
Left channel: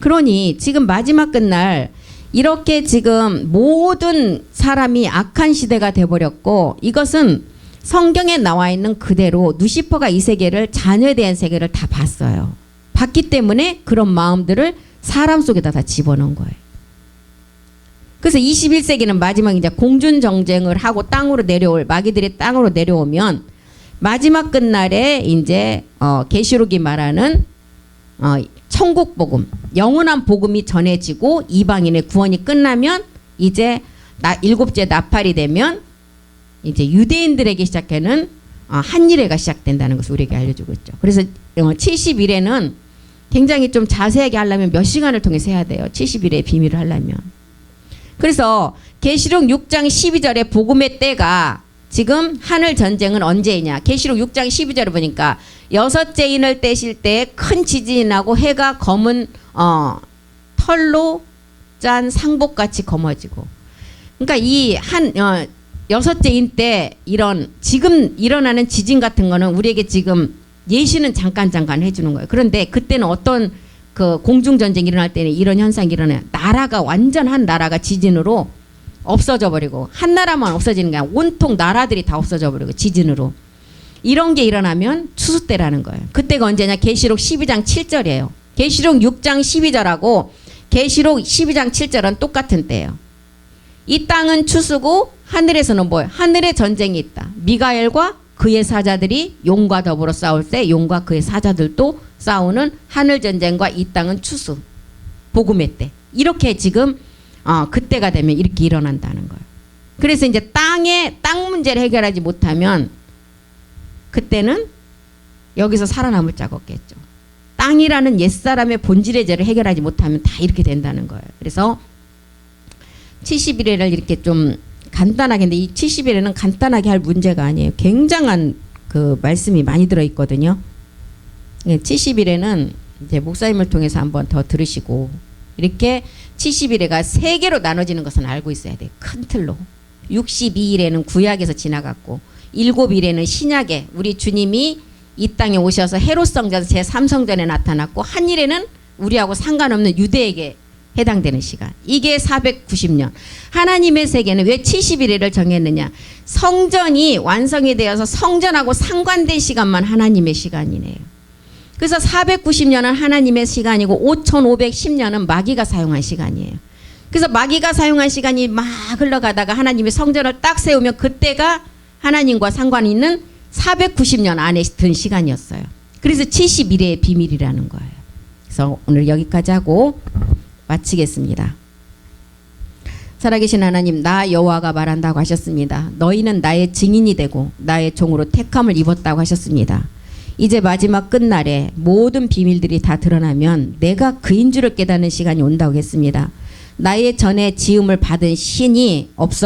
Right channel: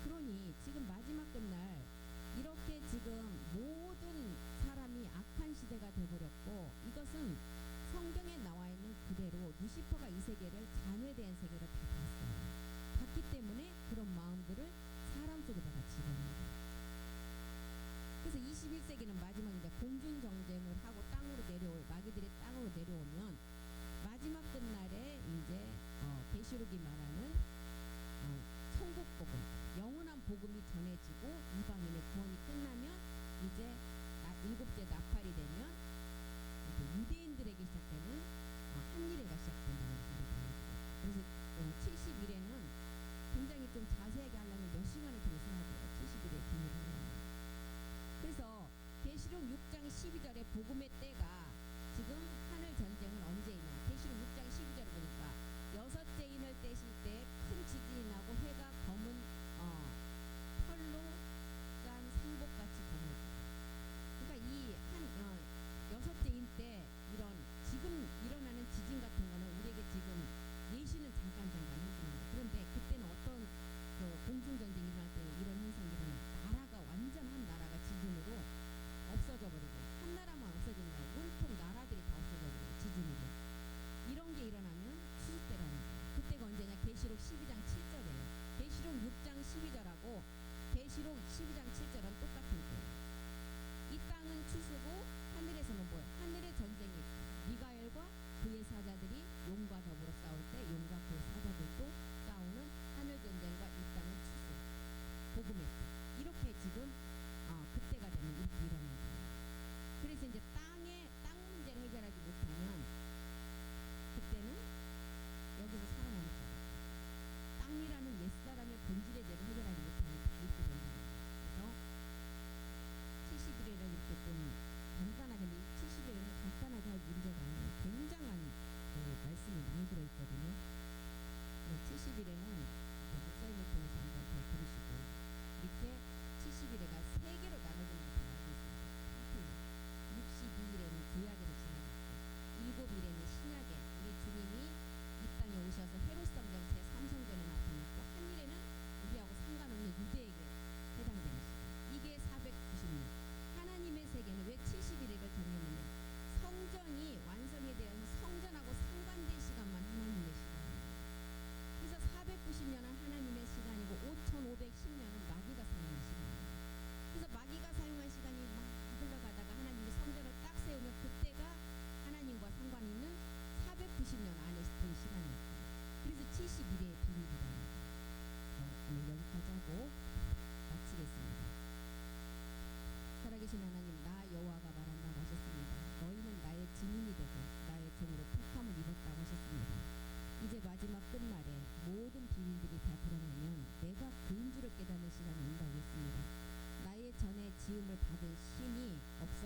그러니 지금 마지막 끝날 이렇게 지금 모든 사람이 악한 시대가 돼버렸고 이것은 성경에 나와 있는 그대로 누시퍼가 이 세계를 자녀에 대한 세계를 다 봤어요. 봤기 때문에 그런 마음들을 사람 속에다 다 집어넣은 거예요. 그래서 21세기는 마지막 이제 공준 정쟁을 하고 땅으로 내려올 마귀들이 땅으로 내려오면 마지막 끝날에 이제 계시록이 말하는 천국 복음, 영원한 복음이 전해지고 이방인의 구원이 끝나면 이제 일곱째 나팔이 되면 이제 유대인들에게 시작하는 한일회가 시작된다는 것을 우리에게 알려주고 있죠. 그래서 70일에는 굉장히 좀 자세하게 하려면 몇 시간을 통해서 해야 돼요. 70일의 비밀을 하려면. 그래서 계시록 6장 12절에 복음의 때가 지금 하늘 전쟁은 언제이냐. 계시록 6장 12절을 보니까 여섯째 인을 떼실 때 큰 지진이 나고 해가 검은 털로 짠 상복같이 검어지고. 그러니까 이 여섯째 인 때 지금 일어나는 지진 같은 거는 우리에게 지금 예시는 잠깐 해주는 거예요. 그런데 그때는 어떤 그 공중전쟁이 일어날 때는 이런 현상이 일어나요. 완전 한 나라가 지진으로 없어져 버리고 한 나라만 없어지는 게 아니라 온통 나라들이 다 없어져 버리고 지진으로. 이런 게 일어나면 추수 때라는 거예요. 그때가 언제냐? 계시록 12장 7절이에요. 계시록 6장 12절하고 계시록 12장 7절은 똑같은 때예요. 이 땅은 추수고 하늘에서는 뭐예요? 하늘에 전쟁이 있다. 미가엘과 그의 사자들이 용과 더불어 싸울 때 용과 그의 사자들도 싸우는 하늘 전쟁과 이 땅은 추수. 복음의 때. 이렇게 지금 그때가 되면 이렇게 일어난다는 거예요. 그래서 이제 땅 문제를 해결하지 못하면 그때는 여기서 살아남을 자가 없겠죠. 땅이라는 옛사람의 본질의 죄를 해결하지 못하면 다 이렇게 된다는 거예요. 그래서 70일에를 이렇게 좀 간단하게, 근데 이 70일에는 간단하게 할 문제가 아니에요. 굉장한 그 말씀이 많이 들어있거든요. 70일에는 이제 목사님을 통해서 한번 더 들으시고, 이렇게 70일에가 3개로 나눠지는 것은 알고 있어야 돼요. 큰 틀로. 62일에는 구약에서 지나갔고, 7일에는 신약에 우리 주님이 이 땅에 오셔서 헤롯 성전 제3성전에 나타났고, 한 일에는 우리하고 상관없는 유대에게 해당되는 시간. 이게 490년. 하나님의 세계는 왜 70일을 정했느냐? 성전이 완성이 되어서 성전하고 상관된 시간만 하나님의 시간이네요. 그래서 490년은 하나님의 시간이고 5510년은 마귀가 사용한 시간이에요. 그래서 마귀가 사용한 시간이 막 흘러가다가 하나님의 성전을 딱 세우면 그때가 하나님과 상관이 있는 490년 안에 든 시간이었어요. 그래서 71회의 비밀이라는 거예요. 그래서 오늘 여기까지 하고 마치겠습니다. 살아계신 하나님, 나 여호와가 말한다고 하셨습니다. 너희는 나의 증인이 되고 나의 종으로 택함을 입었다고 하셨습니다. 이제 마지막 끝날에 모든 비밀들이 다 드러나면 내가 그인 줄을 깨닫는 시간이 온다고 했습니다. 나의 전에 지음을 받은 신이 없어